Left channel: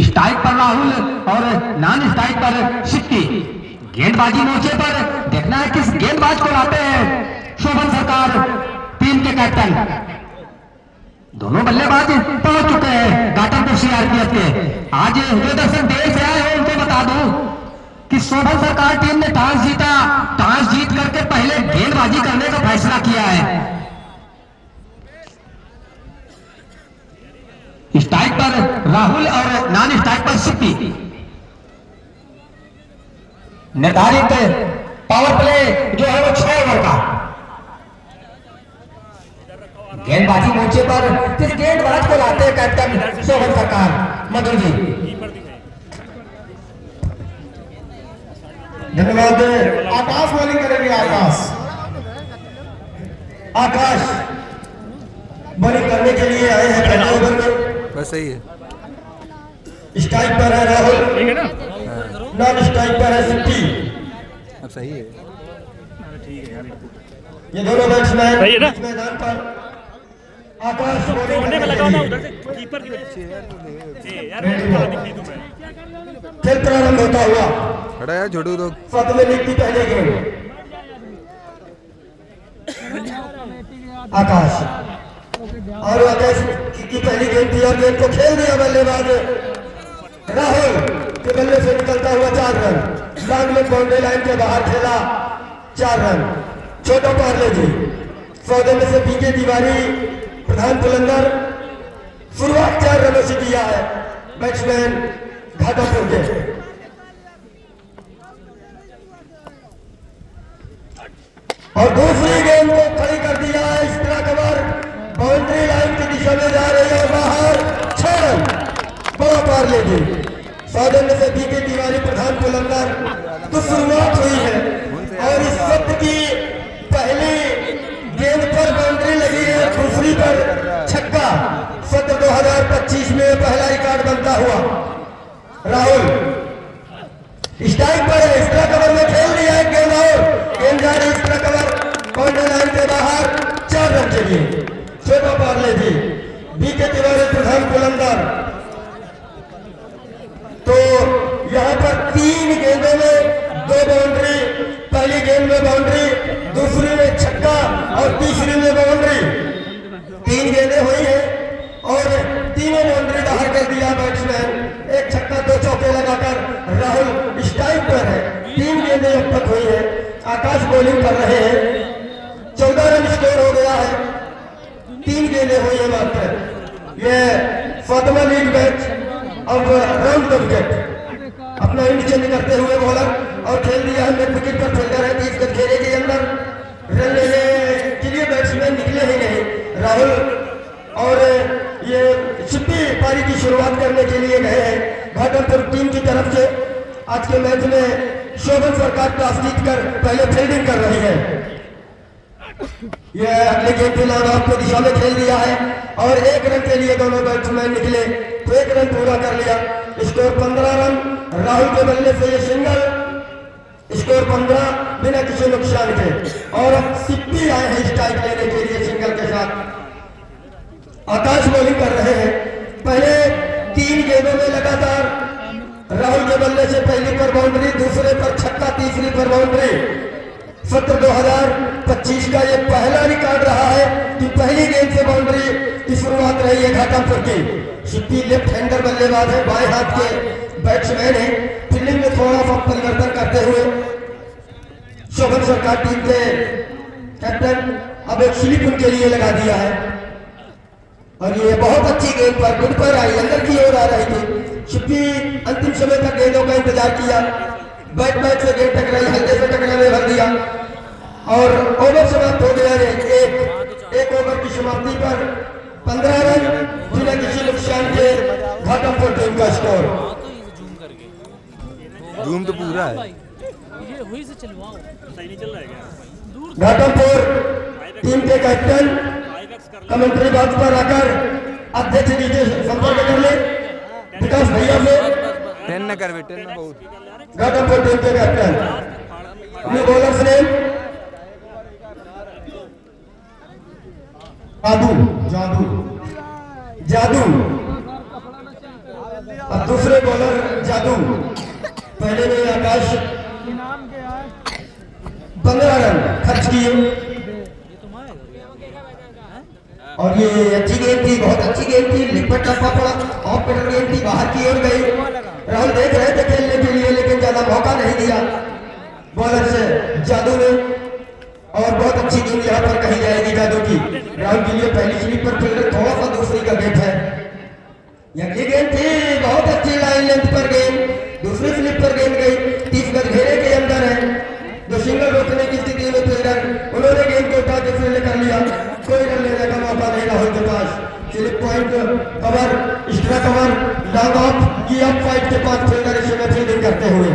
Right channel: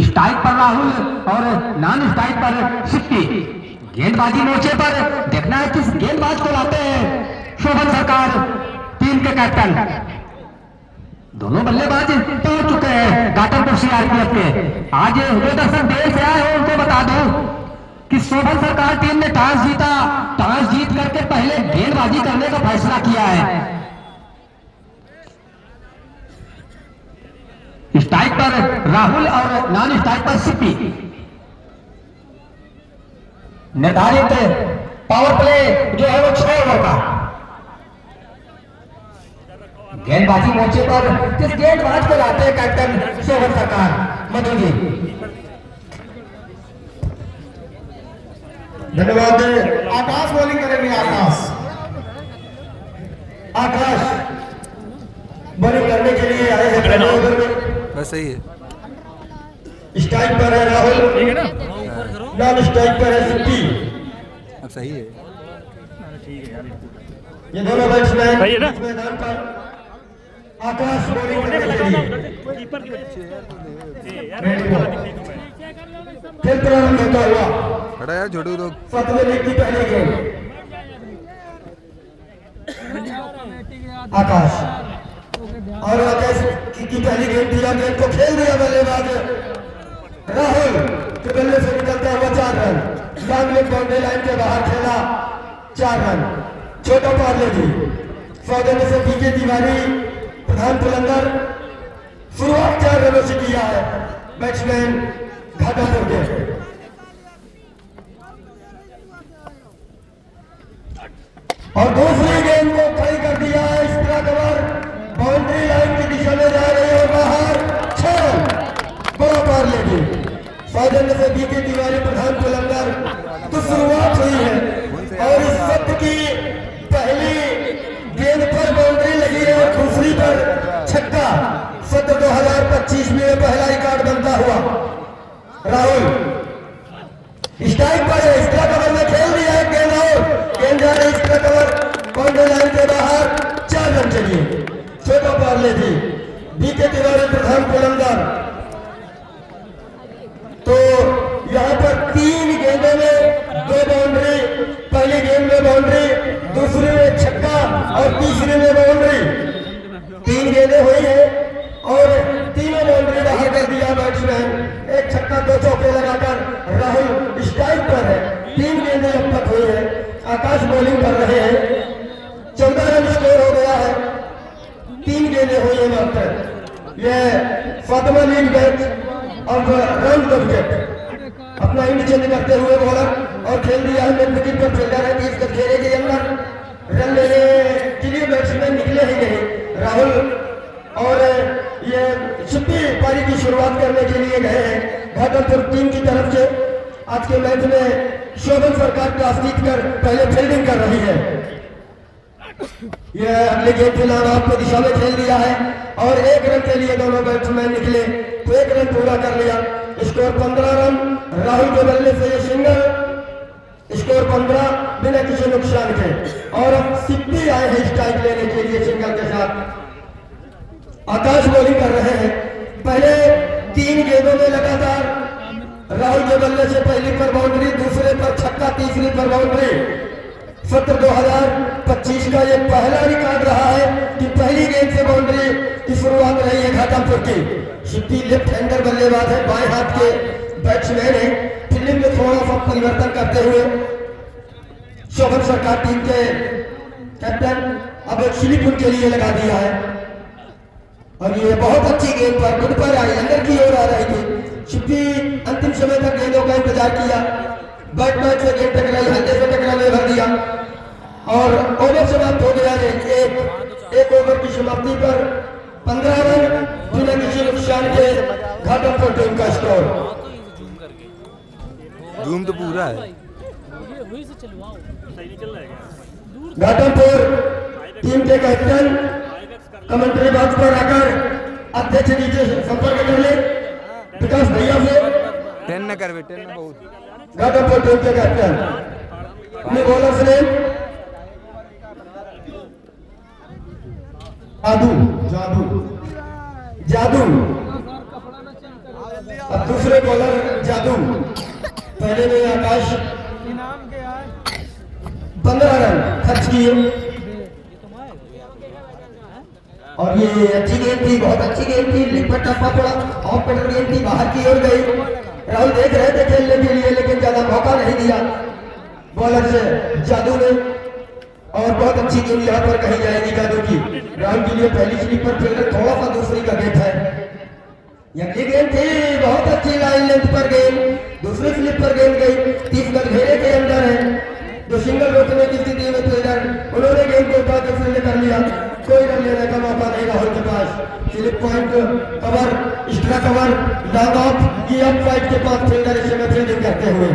Strike पर राहुल और non strike पर सिप्पी। गेंदबाजी मोर्चे पर देखना है किस गेंदबाज को लाते हैं शोभन सरकार टीम के कैप्टन। दोनों बल्लेबाज पहुंच चुके हैं घाटमपुर सीआरपीएफ के। आज जो दर्शक देर से आए हो उनको बता दूं कि शोभन सरकार टीम ने टॉस जीता। टॉस जीत करके पहले गेंदबाजी करने का फैसला किया है। स्ट्राइक पर राहुल और नॉन स्ट्राइक पर सिप्पी। निर्धारित पावर प्ले जो है वो 6 ओवर का। गेंदबाजी मोर्चे पर किस गेंदबाज को लाते हैं कैप्टन शोभन सरकार मधु जी। धन्यवाद। आकाश बॉलिंग करेंगे। आकाश बॉलिंग करने के लिए आए हैं पहले ओवर में। बस सही है। स्ट्राइक पर है राहुल, नॉन स्ट्राइक पर है सिप्पी। अब सही है। ये दोनों बैट्समैन सही है ना? मैदान पर। आकाश बॉलिंग करने के लिए खेल प्रारंभ होता हुआ खड़ा है छोटू तो 7वें इनिंग की पहली गेंद। आकाश और आकाश की पहली गेंद थी और गेंद को खेल दिया बल्लेबाज राहुल के बल्ले से निकलता हुआ 4 रन। लॉन्ग बाउंड्री लाइन के बाहर खेला 4 रन। छोटा पार्ले जी सौदे में से बीके तिवारी प्रधान बुलंदर शुरुआत 4 रनों से किया है बैट्समैन घाटमपुर के। और दूसरी गेंद को खड़ी कर दिया। इस तरह कवर बाउंड्री लाइन की दिशा में जा रही है बाहर 6 रन। बड़ा पार्ले जी सौदे में से बीके तिवारी प्रधान बुलंदर तो शुरुआत हुई है और इस सत्र की पहली गेंद पर बाउंड्री लगी है, दूसरी पर छक्का। सत्र 2025 में पहला रिकॉर्ड बनता हुआ। राहुल स्ट्राइक पर है, इस तरह कवर में खेल दिया है गेंद और गेंद जा रही इस तरह कवर बाउंड्री लाइन के बाहर 4 रन चाहिए। छोटा पार्ले जी बीके तिवारी प्रधान बुलंदर। तो यहाँ पर 3 गेंदों में 2 बाउंड्री। पहली गेंद में बाउंड्री, दूसरी में छक्का और तीसरी में बाउंड्री। 3 गेंदें हुई है और 3 बाउंड्री बाहर कर दिया बैट्समैन। एक छक्का 2 चौके लगाकर राहुल स्ट्राइक पर है। 3 गेंदें अब तक हुई है। आकाश बॉलिंग कर रहे हैं। 14 रन स्कोर हो गया है। 3 गेंदें हुई है मात्र। ये 7वां लीग मैच और राउंड द विकेट अपना इंड चेंज करते हुए बॉलर और खेल दिया है मिड विकेट पर। फील्डर है 30 गज घेरे के अंदर। रन लेने के लिए बैट्समैन निकले ही नहीं राहुल। और ये सिप्पी पारी की शुरुआत करने के लिए गए हैं घाटमपुर टीम की तरफ से। आज के मैच में शोभन सरकार टॉस जीत कर पहले फील्डिंग कर रही है। यह अगले गेंद पे लॉन्ग आउट की दिशा में खेल दिया है और 1 रन के लिए दोनों बैट्समैन निकले तो 1 रन पूरा कर लिया। Score 15 run. राहुल के बल्ले से ये सिंगल। स्कोर 15 बिना किसी नुकसान के। और अब सिप्पी आए हैं स्ट्राइक लेने के लिए सिंगल के साथ। आकाश बॉलिंग कर रहे हैं। पहले 3 गेंदों में लगातार राहुल के बल्ले से पहली पर बाउंड्री, दूसरे पर छक्का, तीसरी पर बाउंड्री। सत्र 2025 का ये पहला रिकॉर्ड रहा है कि पहली गेंद से बाउंड्री की शुरुआत रही है घाटमपुर की। सिप्पी लेफ्ट हैंडर बल्लेबाज है, बाएं हाथ के बैट्समैन है। फील्डिंग में थोड़ा सा परिवर्तन करते हुए शोभन सरकार टीम के कैप्टन अब एक स्लिप उनके लिए लगा दिया है। और ये बहुत अच्छी गेंद पर गुड पर आई, अंदर की ओर आ रही थी। सिप्पी अंतिम समय तक गेंदों का इंतजार किया। बैटमैन से गेंद टकराई, हल्के से टकराने भर दिया और ओवर समाप्त हो गया। एक ओवर की समाप्ति पर 15 रन बिना किसी नुकसान के घाटमपुर टीम का स्कोर। जूम तो पूरा है। घाटमपुर टीम के कैप्टन कमेंट्री बात पर आकर अध्यक्ष जी से संपर्क कर ले विकास भैया से। 10 न कर बेटे ना बहुत। घाटमपुर टीम के कैप्टन अपने बॉलर्स ने जादू जादू जादू अब दूसरे बॉलर जादू, पहले में आकाश 15 रन खर्च किए और ये अच्छी गेंद थी, बहुत अच्छी गेंद थी, लिपट टप्पा पड़ा, ऑफ कटर गेंद थी, बाहर की ओर गई। राहुल देख रहे थे खेलने के लिए लेकिन ज्यादा मौका नहीं दिया बॉलर से जादू ने, और बहुत अच्छी गेंद यहाँ पर कही जाएगी जादू की। राहुल के लिए पहली स्लीपर फील्डर, थोड़ा सा दूसरी का गेट है। ये गेंद थी बहुत अच्छी, लाइन लेंथ पर गेंद, दूसरी स्लिप पर गेंद गई, 30 गज घेरे के अंदर है। जो सिंगल रोकने की स्थिति में फील्डर, उन्होंने गेंद को उठा के फील्ड कर लिया, कोई रन लेने का मौका नहीं राहुल के पास। Slip point cover, extra cover, long off की ऑफ साइड के पास फील्डर इस समय फील्डिंग करते हुए।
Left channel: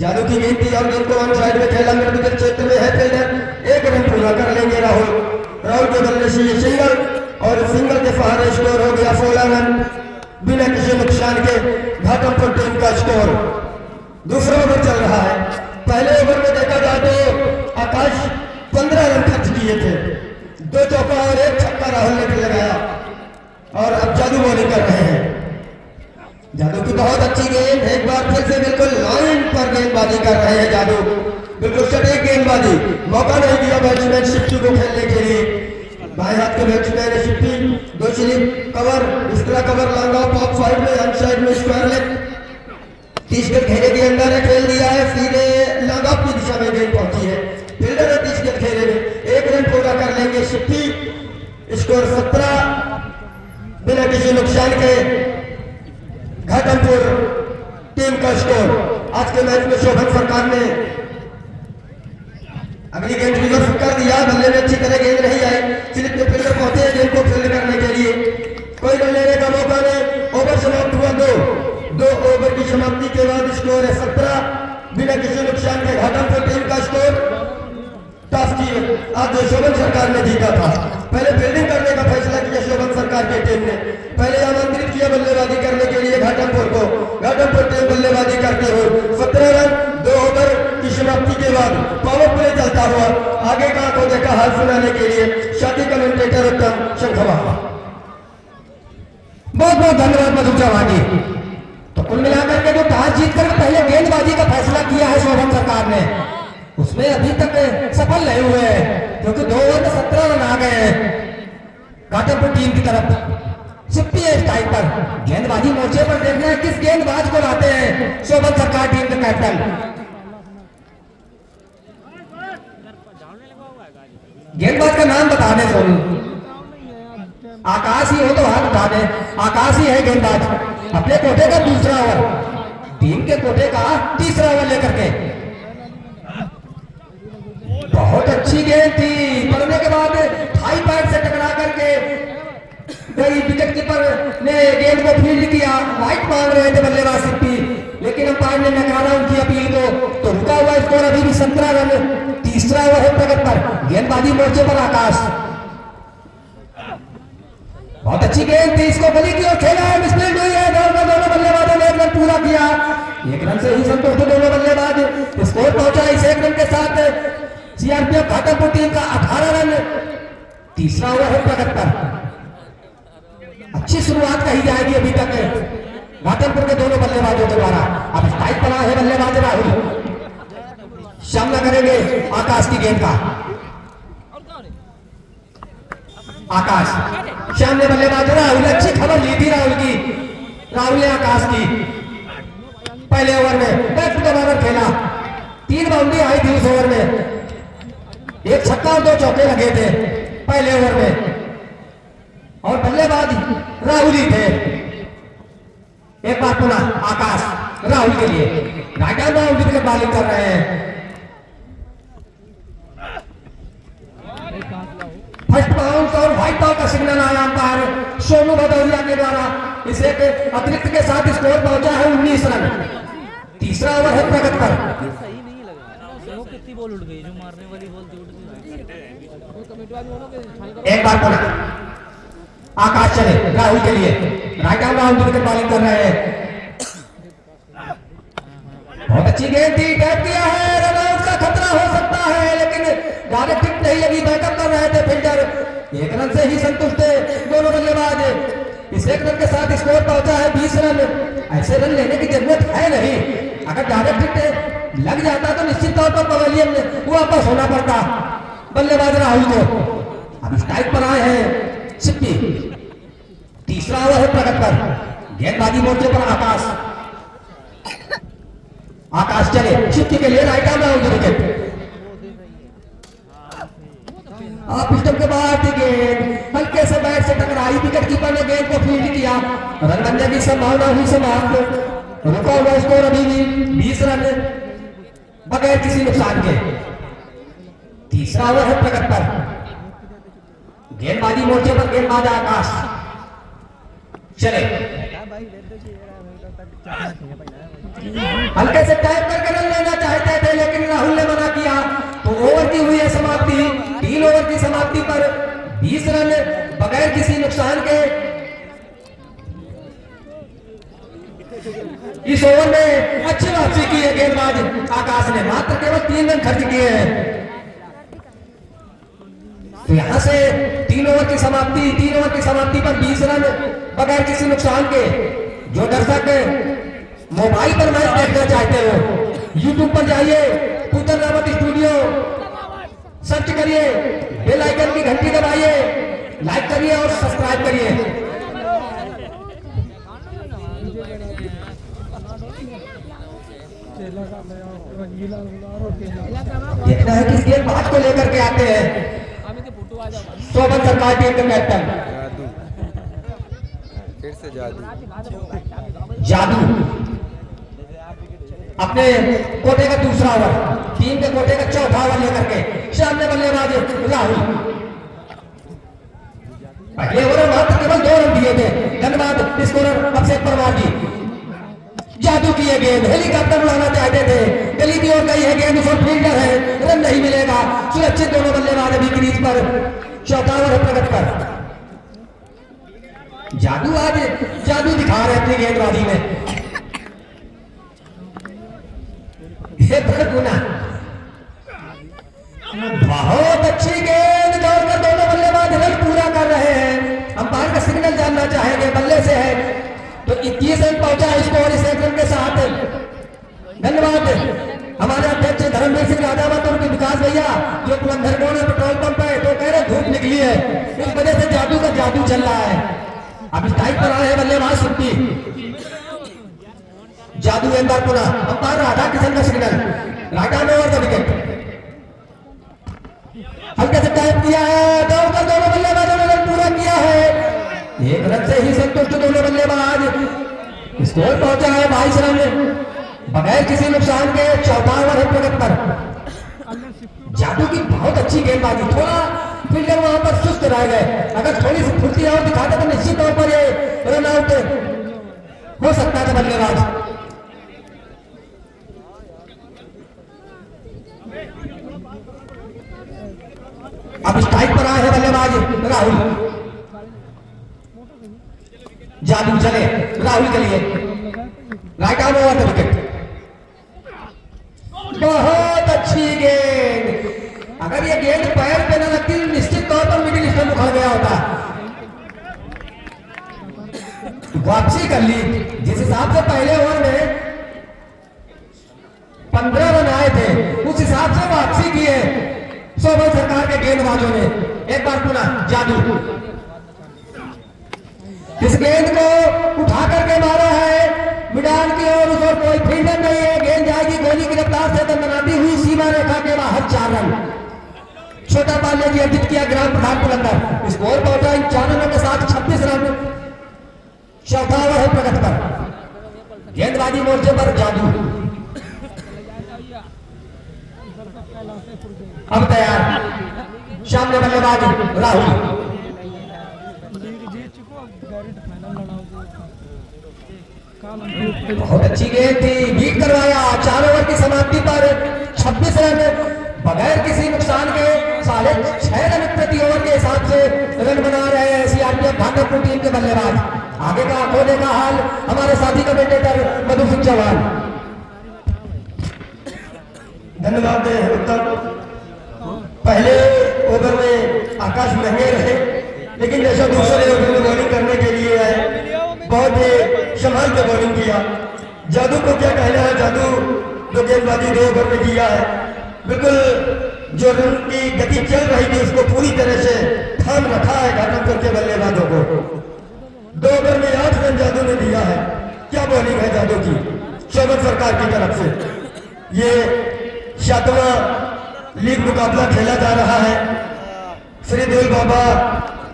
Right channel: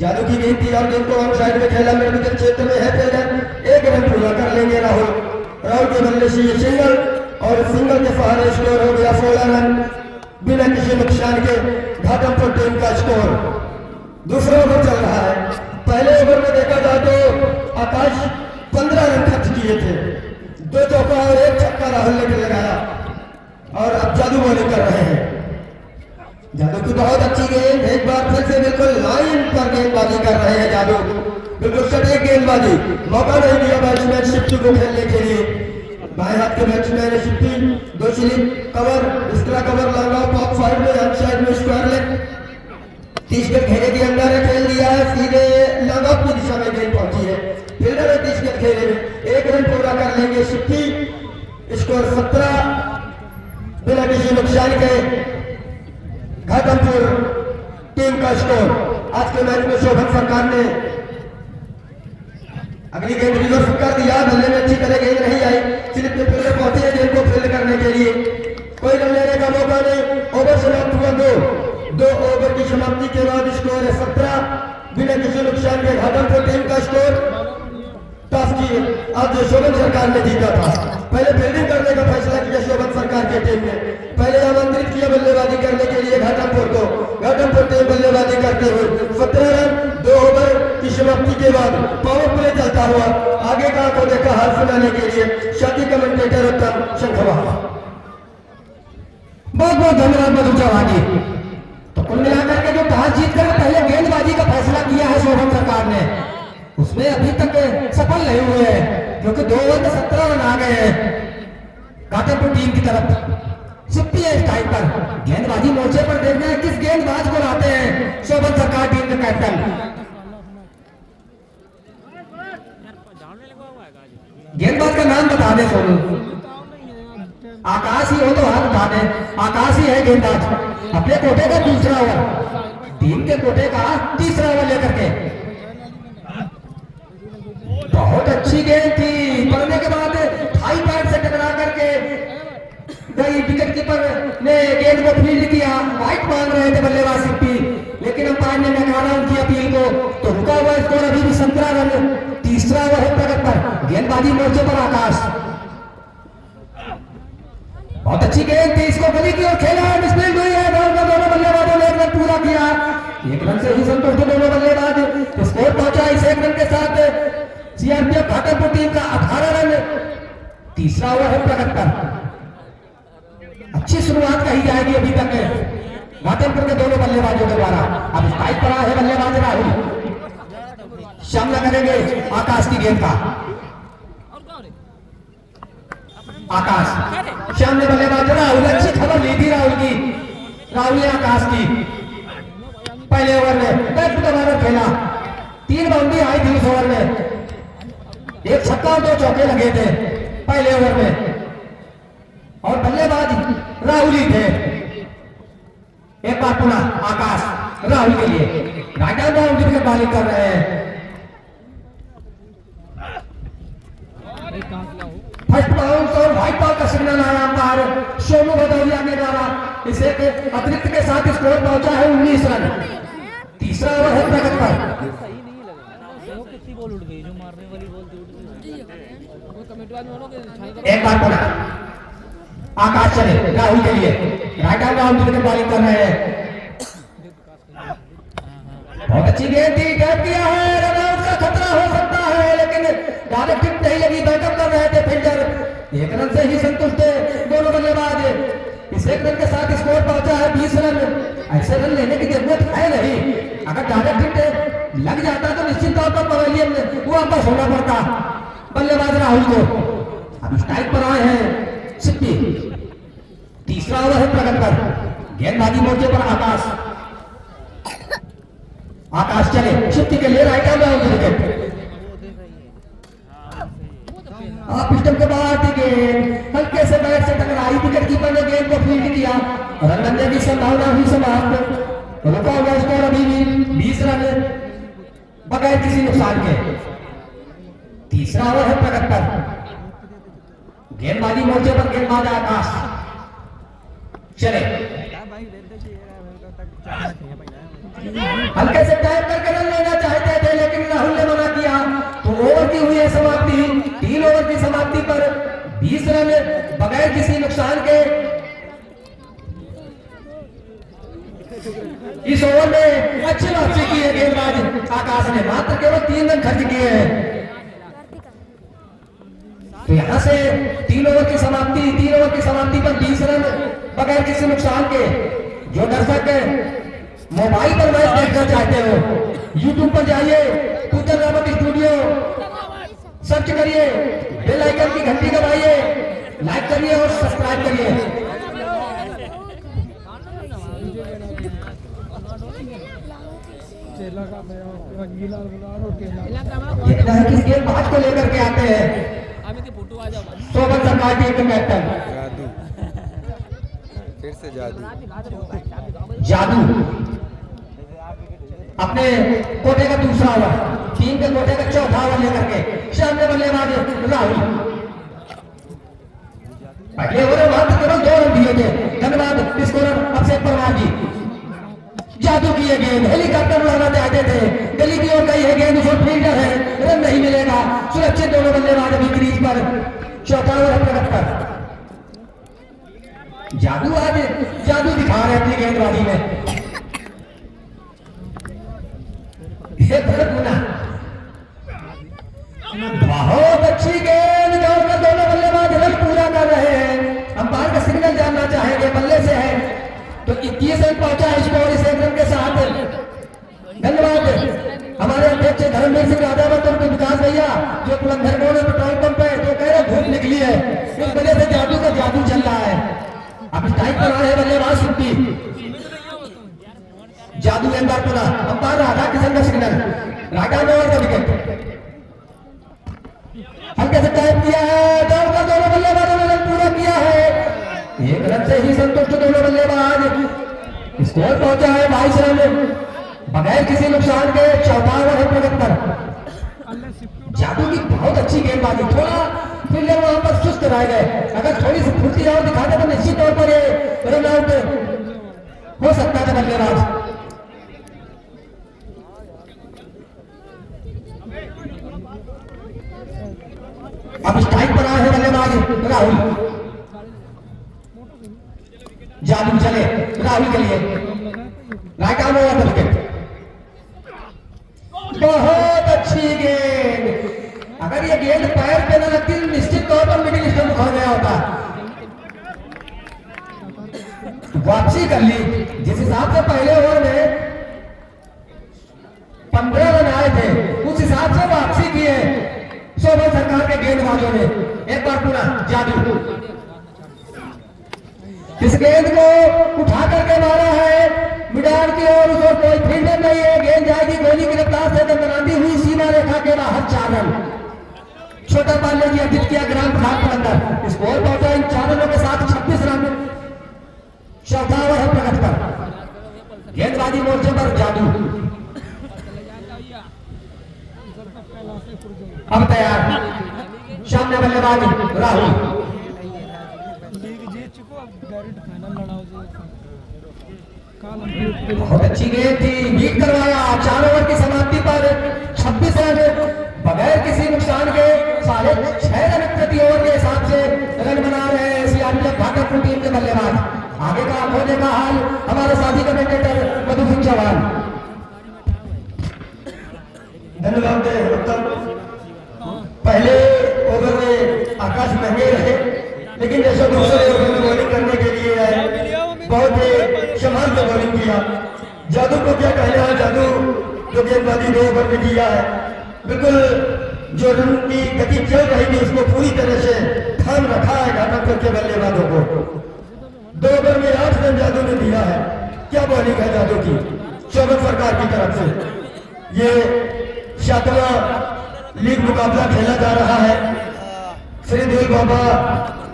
जादू की गेंद थी और गेंद को ऑन साइड में खेला, मिड विकेट क्षेत्र में है फील्डर, 1 रन पूरा कर लेंगे राहुल। राहुल के बल्ले से ये सिंगल और सिंगल के सहारे स्कोर हो गया 16 रन बिना किसी नुकसान के। घाटमपुर टीम का स्कोर। दूसरा ओवर चल रहा है। पहले ओवर में देखा जाए तो आकाश 15 रन खर्च किए थे, 2 चौका और 1 छक्का राहुल ने लगाया और अब जादू बॉलिंग कर रहे हैं। जादू की बहुत अच्छी गेंद, एक बार फिर से बिल्कुल लाइन पर गेंदबाजी कर रहे हैं जादू, बिल्कुल सटीक गेंदबाजी, मौका नहीं दिया बैट्समैन शिफ्टी को खेलने के लिए। बाएं हाथ के बैट्समैन ने शिफ्टी, 2 स्लिप कवर, दूसरा cover, long of of side में, ऑन साइड में स्क्वायर लेग, 30 गज घेरे के अंदर है, खेल दिया है, सीधे लॉन्ग ऑफ की दिशा में गेंद पहुंची है, फील्डर ने 30 गज घेरे में 1 रन पूरा कर लेंगे शिफ्टी। स्कोर 17 बिना किसी नुकसान के। घाटमपुर टीम का स्कोर। आज के मैच में शोभन सरकार ने अगली गेंद रिजर्व कर दिया, बल्ले में अच्छी तरह गेंद नहीं आई, स्लिप के फील्डर पहुंचे हैं गेंद को फील्ड करने के लिए, कोई रन लेने का मौका नहीं। ओवर समाप्त हुआ 2 ओवर की समाप्ति के बाद स्कोर है 17 बिना किसी नुकसान के। घाटमपुर टीम का स्कोर टॉस की आज शोभन सरकार ने जीता था। पहले फील्डिंग करने का फैसला किया शोभन सरकार की टीम ने, पहले आमंत्रित किया बल्लेबाजी करने के लिए घाटमपुर को। घाटमपुर टीम बल्लेबाजी करते हुए 17 रन 2 ओवर की समाप्ति के बाद पावर प्ले चलता हुआ आगे का को देखा हाल सुनाने के लिए साथी कमेंटेटर उत्तम शंखवा। बहुत बहुत धन्यवाद मधु चौहान जी। तो कुल मिलाकर के जो टॉस जीतकर पहले गेंदबाजी का फैसला किया है शोभन सरकार ने, उसमें अभी तक सफल नहीं हुए हैं, क्योंकि 2 ओवर में 17 रन आ गए हैं घाटमपुर टीम की तरफ। सिप्पी है इस टाइम पर, गेंदबाजी मोर्चे पर देखना है किस गेंदबाज को लाते हैं शोभन सरकार टीम के कैप्टन। गेंदबाज का नाम बता दे सोनू, आकाश ही हो तो हाथ उठा दे, आकाश ही है गेंदबाज। अपने कोटे का दूसरा ओवर, टीम के कोटे का तीसरा ओवर लेकर के। बहुत अच्छी गेंद थी, पड़ने के बाद हाई पैड से टकरा करके गई, विकेट कीपर ने गेंद को फील्ड किया, राइट मांग रहे थे बल्लेबाज सिप्पी, लेकिन अंपायर ने नकारा उनकी अपील को, तो रुका हुआ स्कोर अभी भी 17 रन। तीसरा ओवर है प्रगत पर, गेंदबाजी मोर्चे पर आकाश। बहुत अच्छी गेंद थी, इसको गली की ओर खेला है, मिसफील्ड हुई है, दोनों बल्लेबाजों ने 1 रन पूरा किया, 1 रन से ही संतुष्ट दोनों बल्लेबाज। स्कोर पहुंचा इस 1 रन के साथ सीआरपीएफ घाटमपुर टीम का 18 रन। तीसरा ओवर है प्रगत पर, अच्छी शुरुआत कही जाएगी अभी तक घाटमपुर के दोनों बल्लेबाजों के द्वारा। अब स्ट्राइक पड़ा है बल्लेबाज राहुल, सामना करेंगे आकाश की गेंद का। आकाश सामने बल्लेबाज राहुल, अच्छी खबर ली थी राहुल की, राहुल ने आकाश की। पहले ओवर में बैट टू ओवर खेला, 3 बाउंड्री आई थी उस ओवर में, 1 छक्का और 2 चौके लगे थे पहले ओवर में, और बल्लेबाज राहुल ही थे। एक बार पुनः आकाश राहुल के लिए राइट हैंड बाउंड्री की बॉलिंग कर रहे हैं। फर्स्ट बाउंस और व्हाइट बॉल का सिग्नल आया अंपायर सोनू भदौरिया के द्वारा। इसे अतिरिक्त के साथ स्कोर पहुंचा है 19 रन। तीसरा ओवर है प्रगत पर, एक बार पुनः आकाश चले राहुल के लिए, राइट हैंड बाउंड्री की बॉलिंग कर रहे हैं। बहुत अच्छी गेंद थी, टैप किया है, रन आउट का खतरा हो सकता है, लेकिन गाने टिक नहीं लगी, बैकअप कर रहे थे फील्डर। 1 रन से ही संतुष्ट है दोनों बल्लेबाज। इस 1 रन के साथ स्कोर पहुंचा है 20 रन। है प्रगत पर, गेंदबाजी मोर्चे पर आकाश, आकाश चले चिट्ठी के लिए राइट हैंड विकेट। आप स्टंप के बाहर थी गेंद, हल्के से बैट से टकराई, विकेट कीपर ने गेंद को फील्ड किया, रन बनने की संभावना हुई समाप्त। रुका हुआ स्कोर अभी भी 20 रन बगैर किसी नुकसान के। तीसरा ओवर है प्रगत पर, गेंदबाजी मोर्चे पर गेंदबाज आकाश चले, हल्के से टैप करके रन लेना चाहते थे लेकिन राहुल ने मना किया, तो ओवर की हुई है समाप्ति। 3 ओवर की समाप्ति पर 20 रन बगैर किसी नुकसान के। इस ओवर में अच्छी वापसी की है गेंदबाज आकाश ने, मात्र केवल 3 रन खर्च किए हैं। तो यहां से 3 ओवर की समाप्ति पर 20 रन बगैर किसी नुकसान के। जो दर्शक मोबाइल पर मैच देखना चाहते हो, यूट्यूब पर जाइए, पूजन रावत स्टूडियो सर्च करिए, बेल आइकन की घंटी दबाइए, लाइक करिए और सब्सक्राइब करिए। देखना है किस गेंदबाज को लेकर के आते हैं शोभन सरकार टीम का कैप्टन। जादू, फिर से जादू अपने कोटे का दूसरा ओवर, टीम के कोटे का चौथा ओवर लेकर के सामने बल्लेबाज राहुल। पहले ओवर में मात्र केवल 2 रन दिए थे, धन्यवाद स्कोरर अक्षय परमार जी। जादू की ये गेंद हेलीकॉप्टर उड़ाना चाहते थे, गली की ओर गई है गेंद, उसमें फील्डर है, रन नहीं मिलेगा। सुरक्षित दोनों बल्लेबाज अभी क्रीज पर। चौथा ओवर प्रगत कर, जादू आज जादू दिखा रहे अपनी गेंदबाजी में। ये गुना बहुत अच्छी गेंद, दौड़कर दोनों बल्लेबाज रन पूरा कर रहे हैं। अंपायर का सिग्नल जानना चाहेंगे, बल्ले से है तो 21 रन पहुंचा स्कोर इस रन के साथ। धन्यवाद हमारे अध्यक्ष धर्मवीर सिंह यादव और उनके विकास भैया जो पुलंधर मोड़ पेट्रोल पंप पे तो कह रहे धूप निकली है, इस वजह से जादू का जादू चल रहा है। अब स्ट्राइक पर आए बल्लेबाज सुप्ती, जादू गेंदबाज पुनः अंपायर राधा किशन का सिग्नल, राधा ने ओवर का विकेट हल्के से टैप किया है, दौड़कर दोनों बल्लेबाजों ने रन पूरा किया है। 1 रन से ही संतुष्ट दोनों बल्लेबाज। स्कोर पहुंचा है 22 रन बगैर किसी नुकसान के। चौथा ओवर है प्रगत पर, जादू की बहुत अच्छी गेंदबाजी, थोड़ा फील्डर वहां पर सुस्त रह गए, अगर थोड़ी सी फुर्ती और दिखाते तो निश्चित तौर पर ये रन आउट हो सकता था बल्लेबाज। अब स्ट्राइक पर आए हैं बल्लेबाज राहुल, जादू चले राहुल के लिए, right arm over the wicket. बहुत अच्छी गेंद, अगर ये गेंद पैर पे न लगती तो निश्चित तौर पर मिडिल स्टंप उखड़ गया होता। वापसी कर ली, जिस हिसाब से पहले ओवर में 15 रन आए थे उस हिसाब से वापसी की है शोभन सरकार के गेंदबाजों ने। एक बार पुनः जादू इस गेंद को उठा करके मारा है मैदान की ओर, उसे कोई फील्डर नहीं है, गेंद जाएगी गोली की रफ्तार से तो बनाती हुई सीमा रेखा के बाहर 4 रन। छोटा पाले जी अर्जित किया ग्राम प्रधान के अंदर, स्कोर पहुंचा इन 4 रनों के साथ 26 रन। चौथा ओवर है प्रगत पर, गेंदबाजी मोर्चे पर जादू अब तैयार, सामने बल्लेबाज राहुल। बहुत अच्छी गेंद थी, बीट करवाया। 4 ओवर की समाप्ति पर 26 रन बगैर किसी नुकसान के, 6.5 रन प्रति ओवर के हिसाब से रन बना रहे हैं सीआरपीएफ भागलपुर टीम के बल्लेबाज। आगे का होने का हाल हमारे साथी कमेंटेटर मधु सिंह चौहान। धन्यवाद उत्तम। पहले ओवर में आकाश महंगे रहे, लेकिन जैसा दूसरे ओवर में बॉलिंग करने के लिए है, बहुत ही संभाल के बॉलिंग किया। जादू को क्या कहना है, जादू जो गेंदबाजी 2 ओवर में किया है, बिल्कुल जो रन की गति चल रही थी उसको पूरी तरह से थाम रखा है भागलपुर के बल्लेबाजों को। 2 ओवर में 8 रन जादू ने दिया है। क्या बॉलिंग है जादू की शोभन सरकार की तरफ से। ये 7वां लीग मुकाबला खेला जा रहा है श्री देव बाबा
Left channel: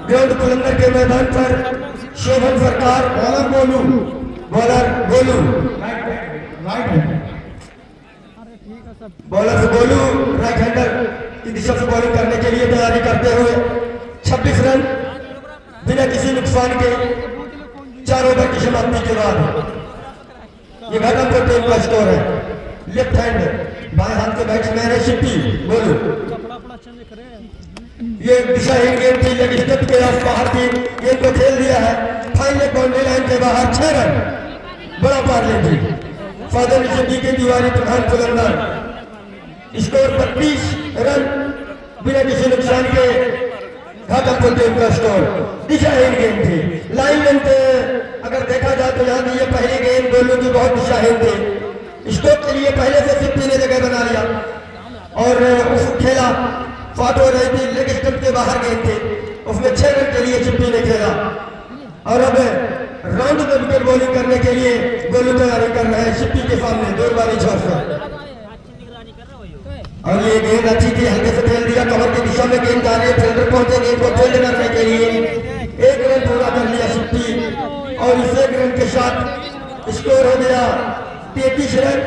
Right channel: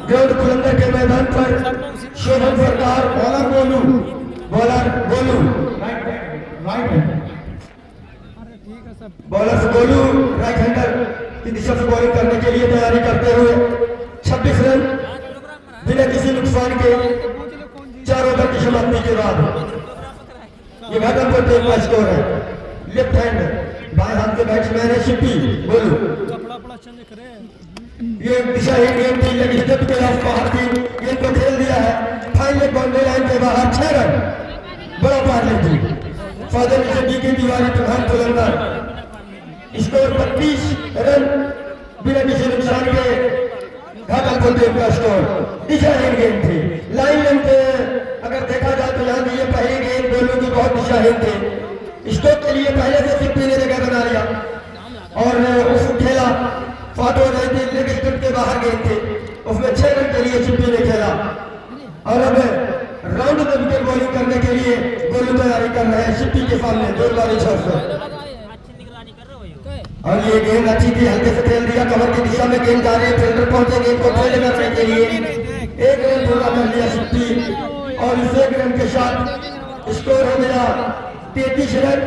ग्राउंड कुलंदर के मैदान पर। Shobhan Sarkar bowler Golu bowler Golu right hander की दिशा से बॉलिंग करने के लिए तैयारी करते हुए 26 रन बिना किसी नुकसान के 4 ओवर की समाप्ति के बाद ये भागलपुर टीम का स्कोर है। लेफ्ट हैंड बाएं हाथ के बैट्समैन है शिप्पी गोलू। ये दिशाहीन गेंद थी लेकिन स्टेप के आस बाहर की गेंद को खेल दिया है। फाइनल बाउंड्री लाइन के बाहर 6 रन बड़ा पार लेती फादर शिप्पी की दीवारी प्रधान कुलंदर। स्कोर 25 रन बिना किसी नुकसान के भागलपुर टीम का स्कोर। दिशाहीन गेंद थी लाइन लेंथ अगर देखा जाए तो यहाँ ये पहली गेंद गोलू की बहुत दिशाहीन थी। स्टोक के लिए पहले से शिप्पी ने जगह बना लिया और उसको खेला फाटो रही थी लेग स्टंप के बाहर गेंद थी उसमें 6 रन के लिए शिप्पी ने खेला। और अब राउंड में विकेट बॉलिंग करने के लिए गोलू तैयारी कर रहे हैं शिप्पी के सामने जोरदारी छोर से। और ये गेंद अच्छी थी हल्के से खेल दिया कवर की दिशा में गेंद जा रही है। फील्डर पहुंचे गेंद को फील्ड करने के लिए 1 रन पूरा कर लिया शिप्पी और इस 1 रन के साथ स्कोर हो गया 33 रन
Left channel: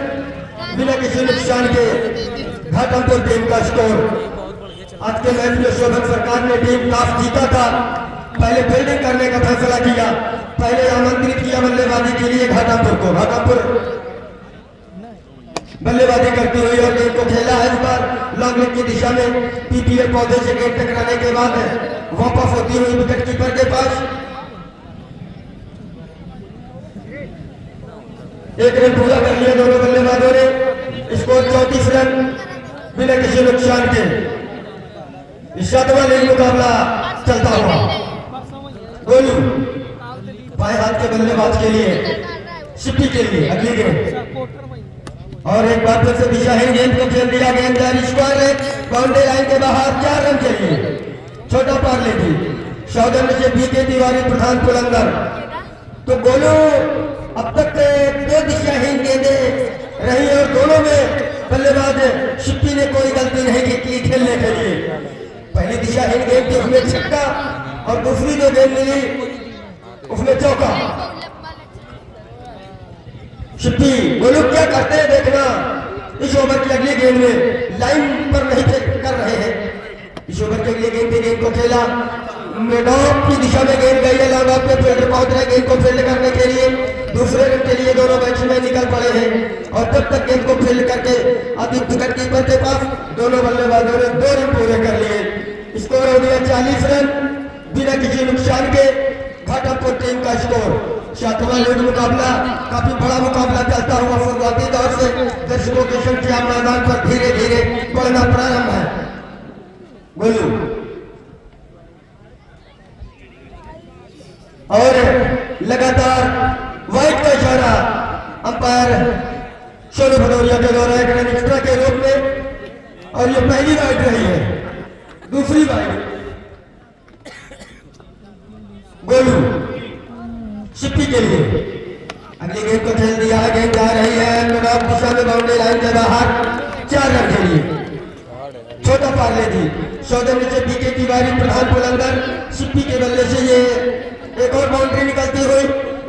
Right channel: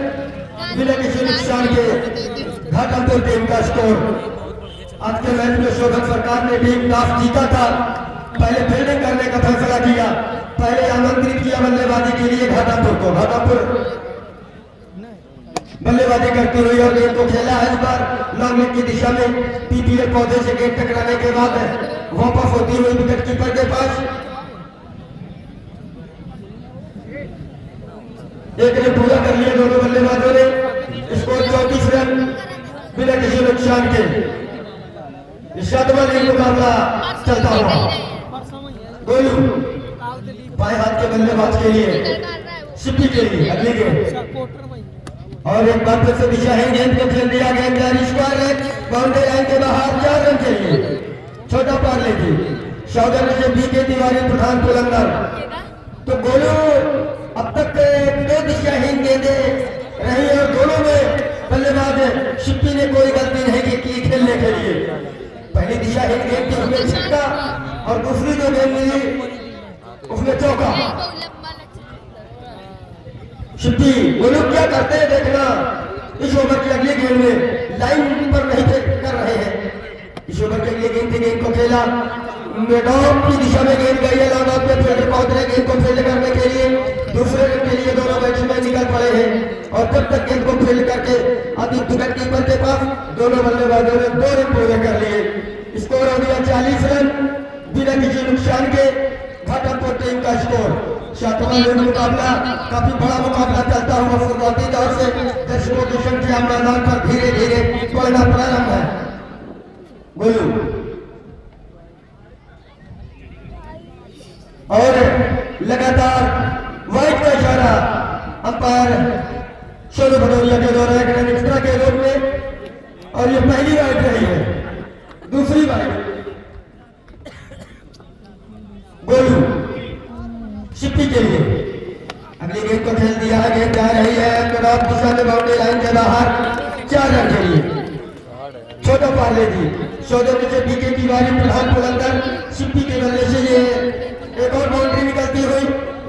बिना किसी नुकसान के भागलपुर टीम का स्कोर। आज के मैच में शोभन सरकार ने टीम टॉस जीता था। पहले फील्डिंग करने का फैसला किया। पहले आमंत्रित किया बल्लेबाजी के लिए घाटापुर को। घाटापुर बल्लेबाजी करती हुई और गेंद को खेला है इस बार लॉन्ग की दिशा में। पीपीएल पौधे से गेंद टकराने के बाद वापस होती हुई विकेट कीपर के पास। 1 रन पूरा कर लिया दोनों बल्लेबाजों ने। स्कोर 34 रन बिना किसी नुकसान के। 7वां लीग मुकाबला चलता हुआ गोलू बाएं हाथ के बल्लेबाज के लिए शिप्पी के लिए अगली गेंद और एक बार फिर से दिशाहीन गेंद पे खेल दिया। गेंद जारी स्क्वायर है बाउंड्री लाइन के बाहर 4 रन चाहिए। छोटा पार्ले थी सौजन्य से बीके तिवारी प्रधान कुलंदर। तो गोलू अब तक 2 दिशाहीन गेंदें रही और दोनों में बल्लेबाज शिप्पी ने कोई गलती नहीं की खेलने के लिए। पहली दिशाहीन गेंद थी उसमें छक्का और दूसरी जो गेंद मिली उसमें चौका। शिप्पी गोलू क्या करते हैं देखना। इस ओवर की अगली गेंद में लाइन पर नहीं कर रहे हैं। इस ओवर की अगली गेंद गेंद को खेला मैदान की दिशा में गेंद गई है। लॉन्ग ऑफ पे फील्डर पहुंच रहे गेंद को फील्ड करने के लिए। दूसरे रन के लिए दोनों बैट्समैन निकल पड़े हैं और तब तक गेंद को फील्ड करके अभी विकेट कीपर के पास दोनों बल्लेबाजों ने 2 रन पूरे कर लिए। स्कोर हो गया 40 रन बिना किसी नुकसान के। घाटापुर टीम का स्कोर। 7वां लीग मुकाबला काफी बड़ा मुकाबला चलता हुआ शुरुआती दौर से दर्शकों की संख्या मैदान पर धीरे धीरे बढ़ना प्रारंभ है। गोलू और लगातार वाइट का इशारा अंपायर सोनू भदौरिया के द्वारा 1 रन एक्स्ट्रा के रूप में। और ये पहली वाइट रही है। दूसरी वाइट गोलू शिप्पी के लिए। अगली गेंद को खेल दिया है। गेंद जा रही है मैदान दिशा में बाउंड्री लाइन के बाहर 4 रन के लिए। छोटा पार्ले थी सौजन्य से बीके तिवारी प्रधान कुलंदर। शिप्पी के बल्ले से ये एक और बाउंड्री निकलती हुई।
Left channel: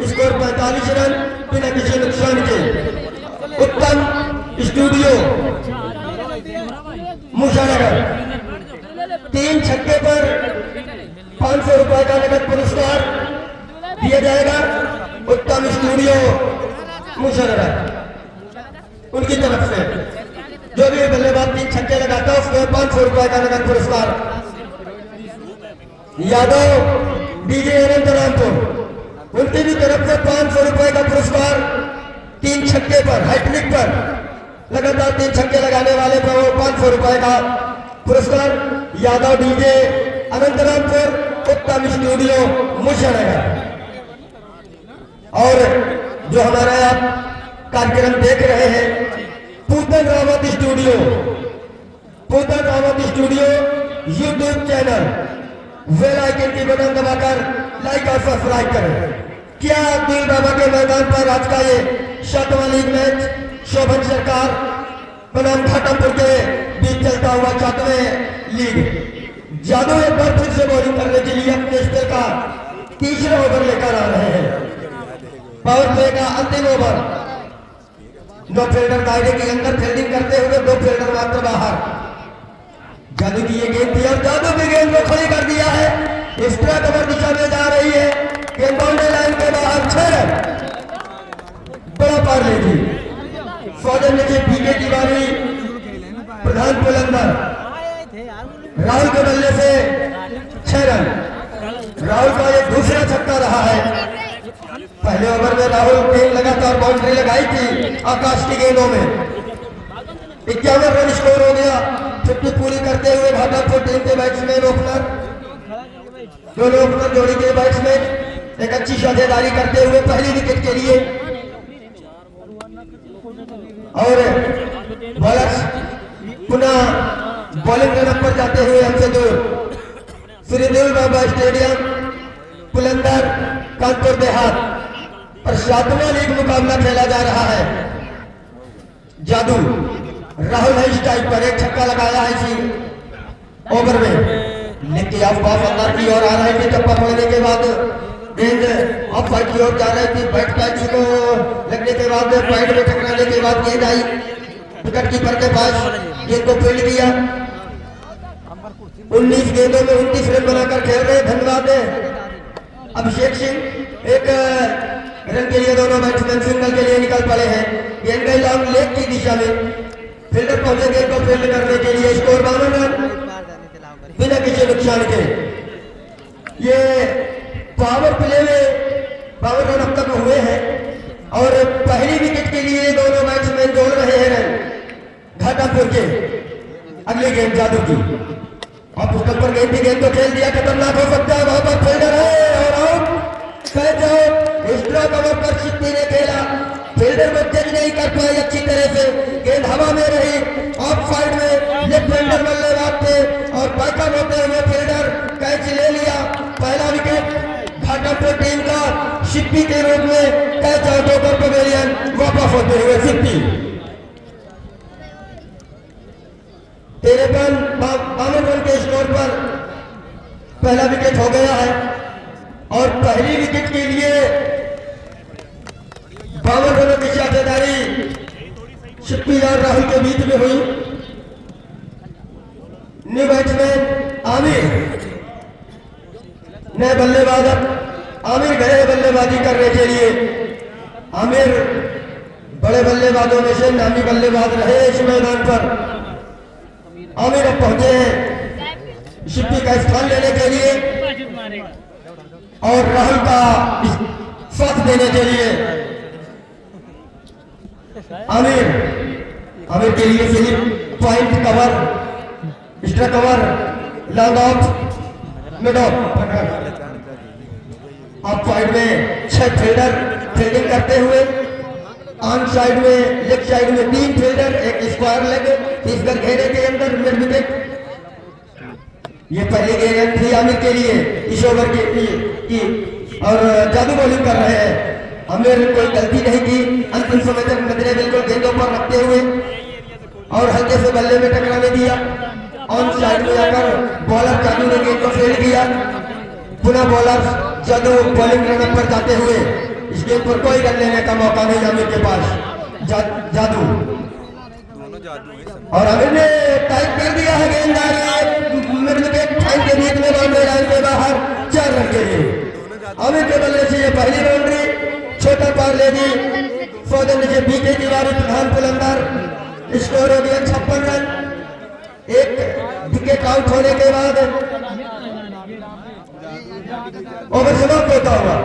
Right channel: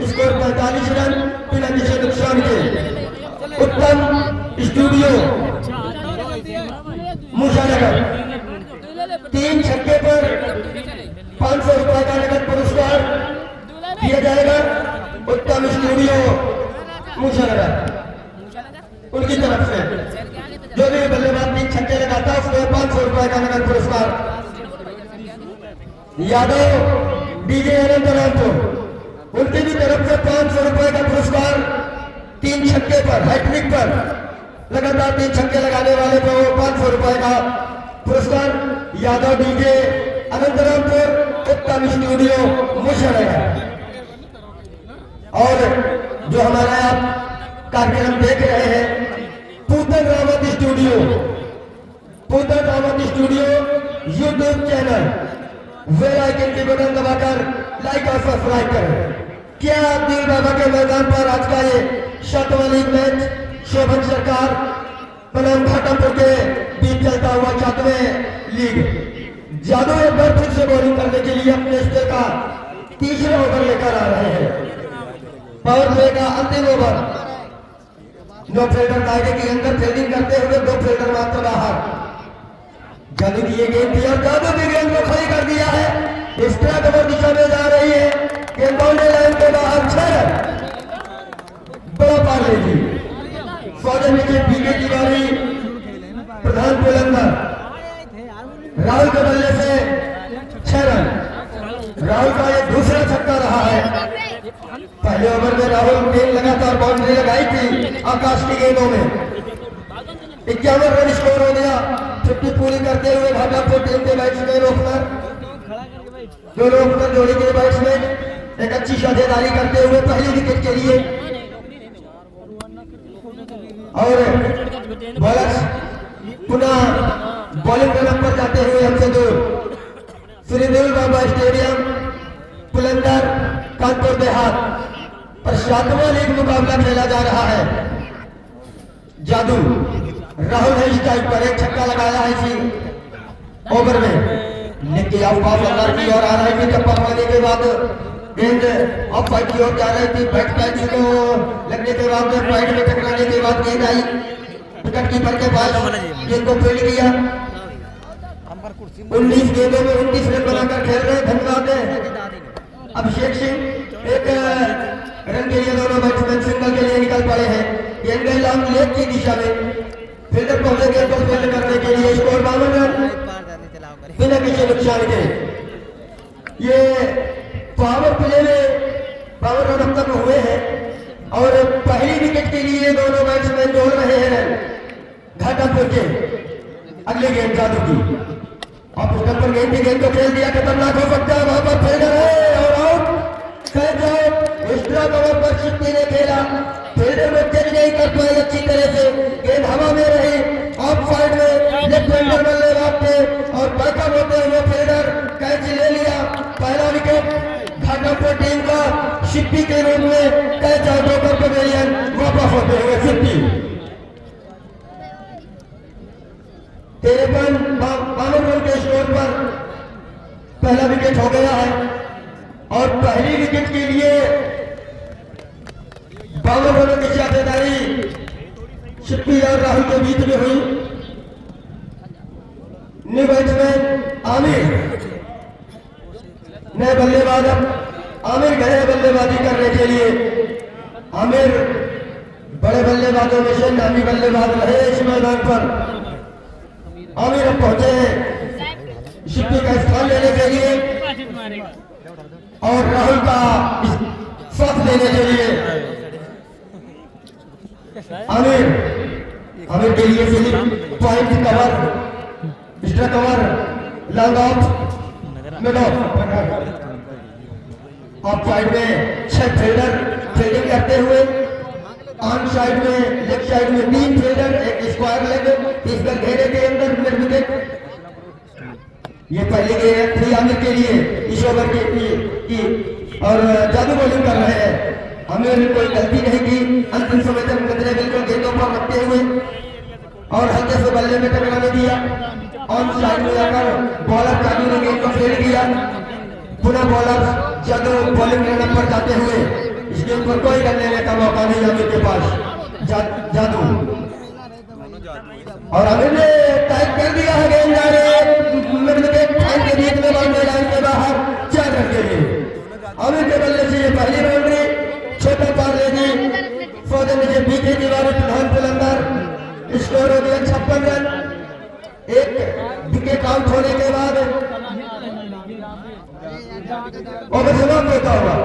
स्कोर 45 रन बिना किसी नुकसान के। उत्तम स्टूडियो मुशानगर 3 छक्के पर 500 रुपए का नगद पुरस्कार दिया जाएगा। उत्तम स्टूडियो मुशानगर उनकी तरफ से जो भी बल्लेबाज 3 छक्के लगाता है उसको 500 रुपए का नगद पुरस्कार। यादव डीजे अनंत रामपुर उनकी भी तरफ से 500 रुपए का पुरस्कार। 3 छक्के पर हैट्रिक पर लगातार 3 छक्के लगाने वाले को 500 रुपए का पुरस्कार। यादव डीजे अनंत रामपुर उत्तम स्टूडियो मुशानगर। और जो हमारा कार्यक्रम देख रहे हैं Pootan Rawat studio YouTube channel bell icon की बटन दबाकर लाइक और सब्सक्राइब करें। क्या दिल बाबा के मैदान पर आज का ये 7वां लीग मैच शोभन सरकार बनाम घाटमपुर के बीच चलता हुआ 7वें लीग। जादू एक बार फिर से बॉलिंग करने के लिए अपने स्तर का तीसरा ओवर लेकर आ रहे हैं। पावर प्ले का अंतिम ओवर। 2 फील्डर दायरे के अंदर फील्डिंग करते हुए 2 फील्डर मात्र बाहर। जादू की ये गेंद थी और जादू की गेंद को खड़ी कर दिया है। एक्स्ट्रा कवर दिशा में जा रही है। गेंद बाउंड्री लाइन के बाहर 6 बड़ा पार लेगी। फौजन नीचे पीके की बारी। प्रधान बुलंदर राहुल के बल्ले से 6 रन। राहुल का ये दूसरा छक्का रहा है। पहले ओवर में राहुल ने लगातार बाउंड्री लगाई थी आकाश की गेंदों में। 51 रन स्कोर हो गया। छुट्टी पूरी करते हुए घाटमपुर टीम के बैट्समैन ओपनर दोनों ओपनर जोड़ी के बैट्समैन एक अच्छी साझेदारी करते हुए पहली विकेट के लिए और बॉलर्स पुनः बॉलिंग रन पर जाते हुए हमसे दूर। श्रीदेव बाबा स्टेडियम पुलंदर कानपुर देहात पर 7वां लीग मुकाबला खेला जा रहा है। जादू राहुल है स्ट्राइक पर। एक छक्का लगाया है इसी ओवर में। लेकिन आसपास अंदर की ओर आ रही थी। चप्पा पकड़ने के बाद गेंद ऑफ साइड की ओर जा रही थी। बैट पैच को लगने के बाद पैड में टकराने के बाद गेंद आई विकेट कीपर के पास। गेंद को फील्ड किया। 19 गेंदों में 29 रन बनाकर खेल रहे। धन्यवाद अभिषेक सिंह। एक रन के लिए दोनों बैट्समैन सिंगल के लिए निकल पड़े हैं। गेंद गई लॉन्ग लेग की दिशा में। फील्डर पहुंचे गेंद को फील्ड करने के लिए। स्कोर 52 रन बिना किसी नुकसान के। ये पावर प्ले में 52 रन अब तक हुए हैं और पहली विकेट के लिए दोनों बैट्समैन जोड़ रहे हैं रन घाटमपुर के। अगले गेंद जादू की आप उसके ऊपर गेंद को खेल दिया। खतरनाक हो सकता है। वहां पर फील्डर है और आउट। एक्स्ट्रा कवर पर सिद्धि ने खेला। फील्डर को जज नहीं कर पाई अच्छी तरह से। गेंद हवा में रही ऑफ साइड में। लेफ्ट हैंडर बल्लेबाज थे और बैकअप होते हुए फील्डर कैच ले लिया। पहला विकेट घाटमपुर टीम का सिद्धि के रूप में कैच आउट ओवर पवेलियन वापस होते हुए सिद्धि। 53 रन के स्कोर पर पहला विकेट हो गया है और पहली विकेट के लिए 52 रनों की साझेदारी सिद्धि और राहुल के बीच में हुई। न्यू बैट्समैन आमिर नए बल्लेबाज। आमिर गए बल्लेबाजी करने के लिए। आमिर बड़े बल्लेबाजों में से नामी बल्लेबाज रहे इस मैदान पर। आमिर अब पहुंचे हैं सिद्धि का स्थान लेने के लिए और राहुल का साथ देने के लिए। आमिर के लिए slip point cover extra cover long of mid of of side में 6 फील्डर फील्डिंग करते हुए। ऑन साइड में लेफ्ट साइड में 3 फील्डर एक स्क्वायर लेग इस पर घेरे के अंदर मिड विकेट। ये पहली गेंद थी आमिर के लिए इस ओवर की और जादू बॉलिंग कर रहे हैं। आमिर ने कोई गलती नहीं की। अंतिम समय तक नजरें बिल्कुल गेंदों पर रखते हुए और हल्के से बल्ले में टकराने दिया। ऑन साइड में आकर बॉलर जादू ने गेंद को फील्ड किया। पुनः बॉलर जादू बॉलिंग रन पर जाते हुए इस गेंद पर कोई रन लेने का मौका नहीं आमिर के पास। जादू और आमिर ने टाइप कर दिया है। गेंद जा रहे टाइम के बीच में बाउंड्री लाइन के बाहर 4 रन के लिए। आमिर के बल्ले से ये पहली बाउंड्री छोटा पार लेगी। फौजन नीचे पीके की बारी। प्रधान बुलंदर स्कोर हो गया 56 रन। एक विकेट आउट होने के बाद ओवर समाप्त होता हुआ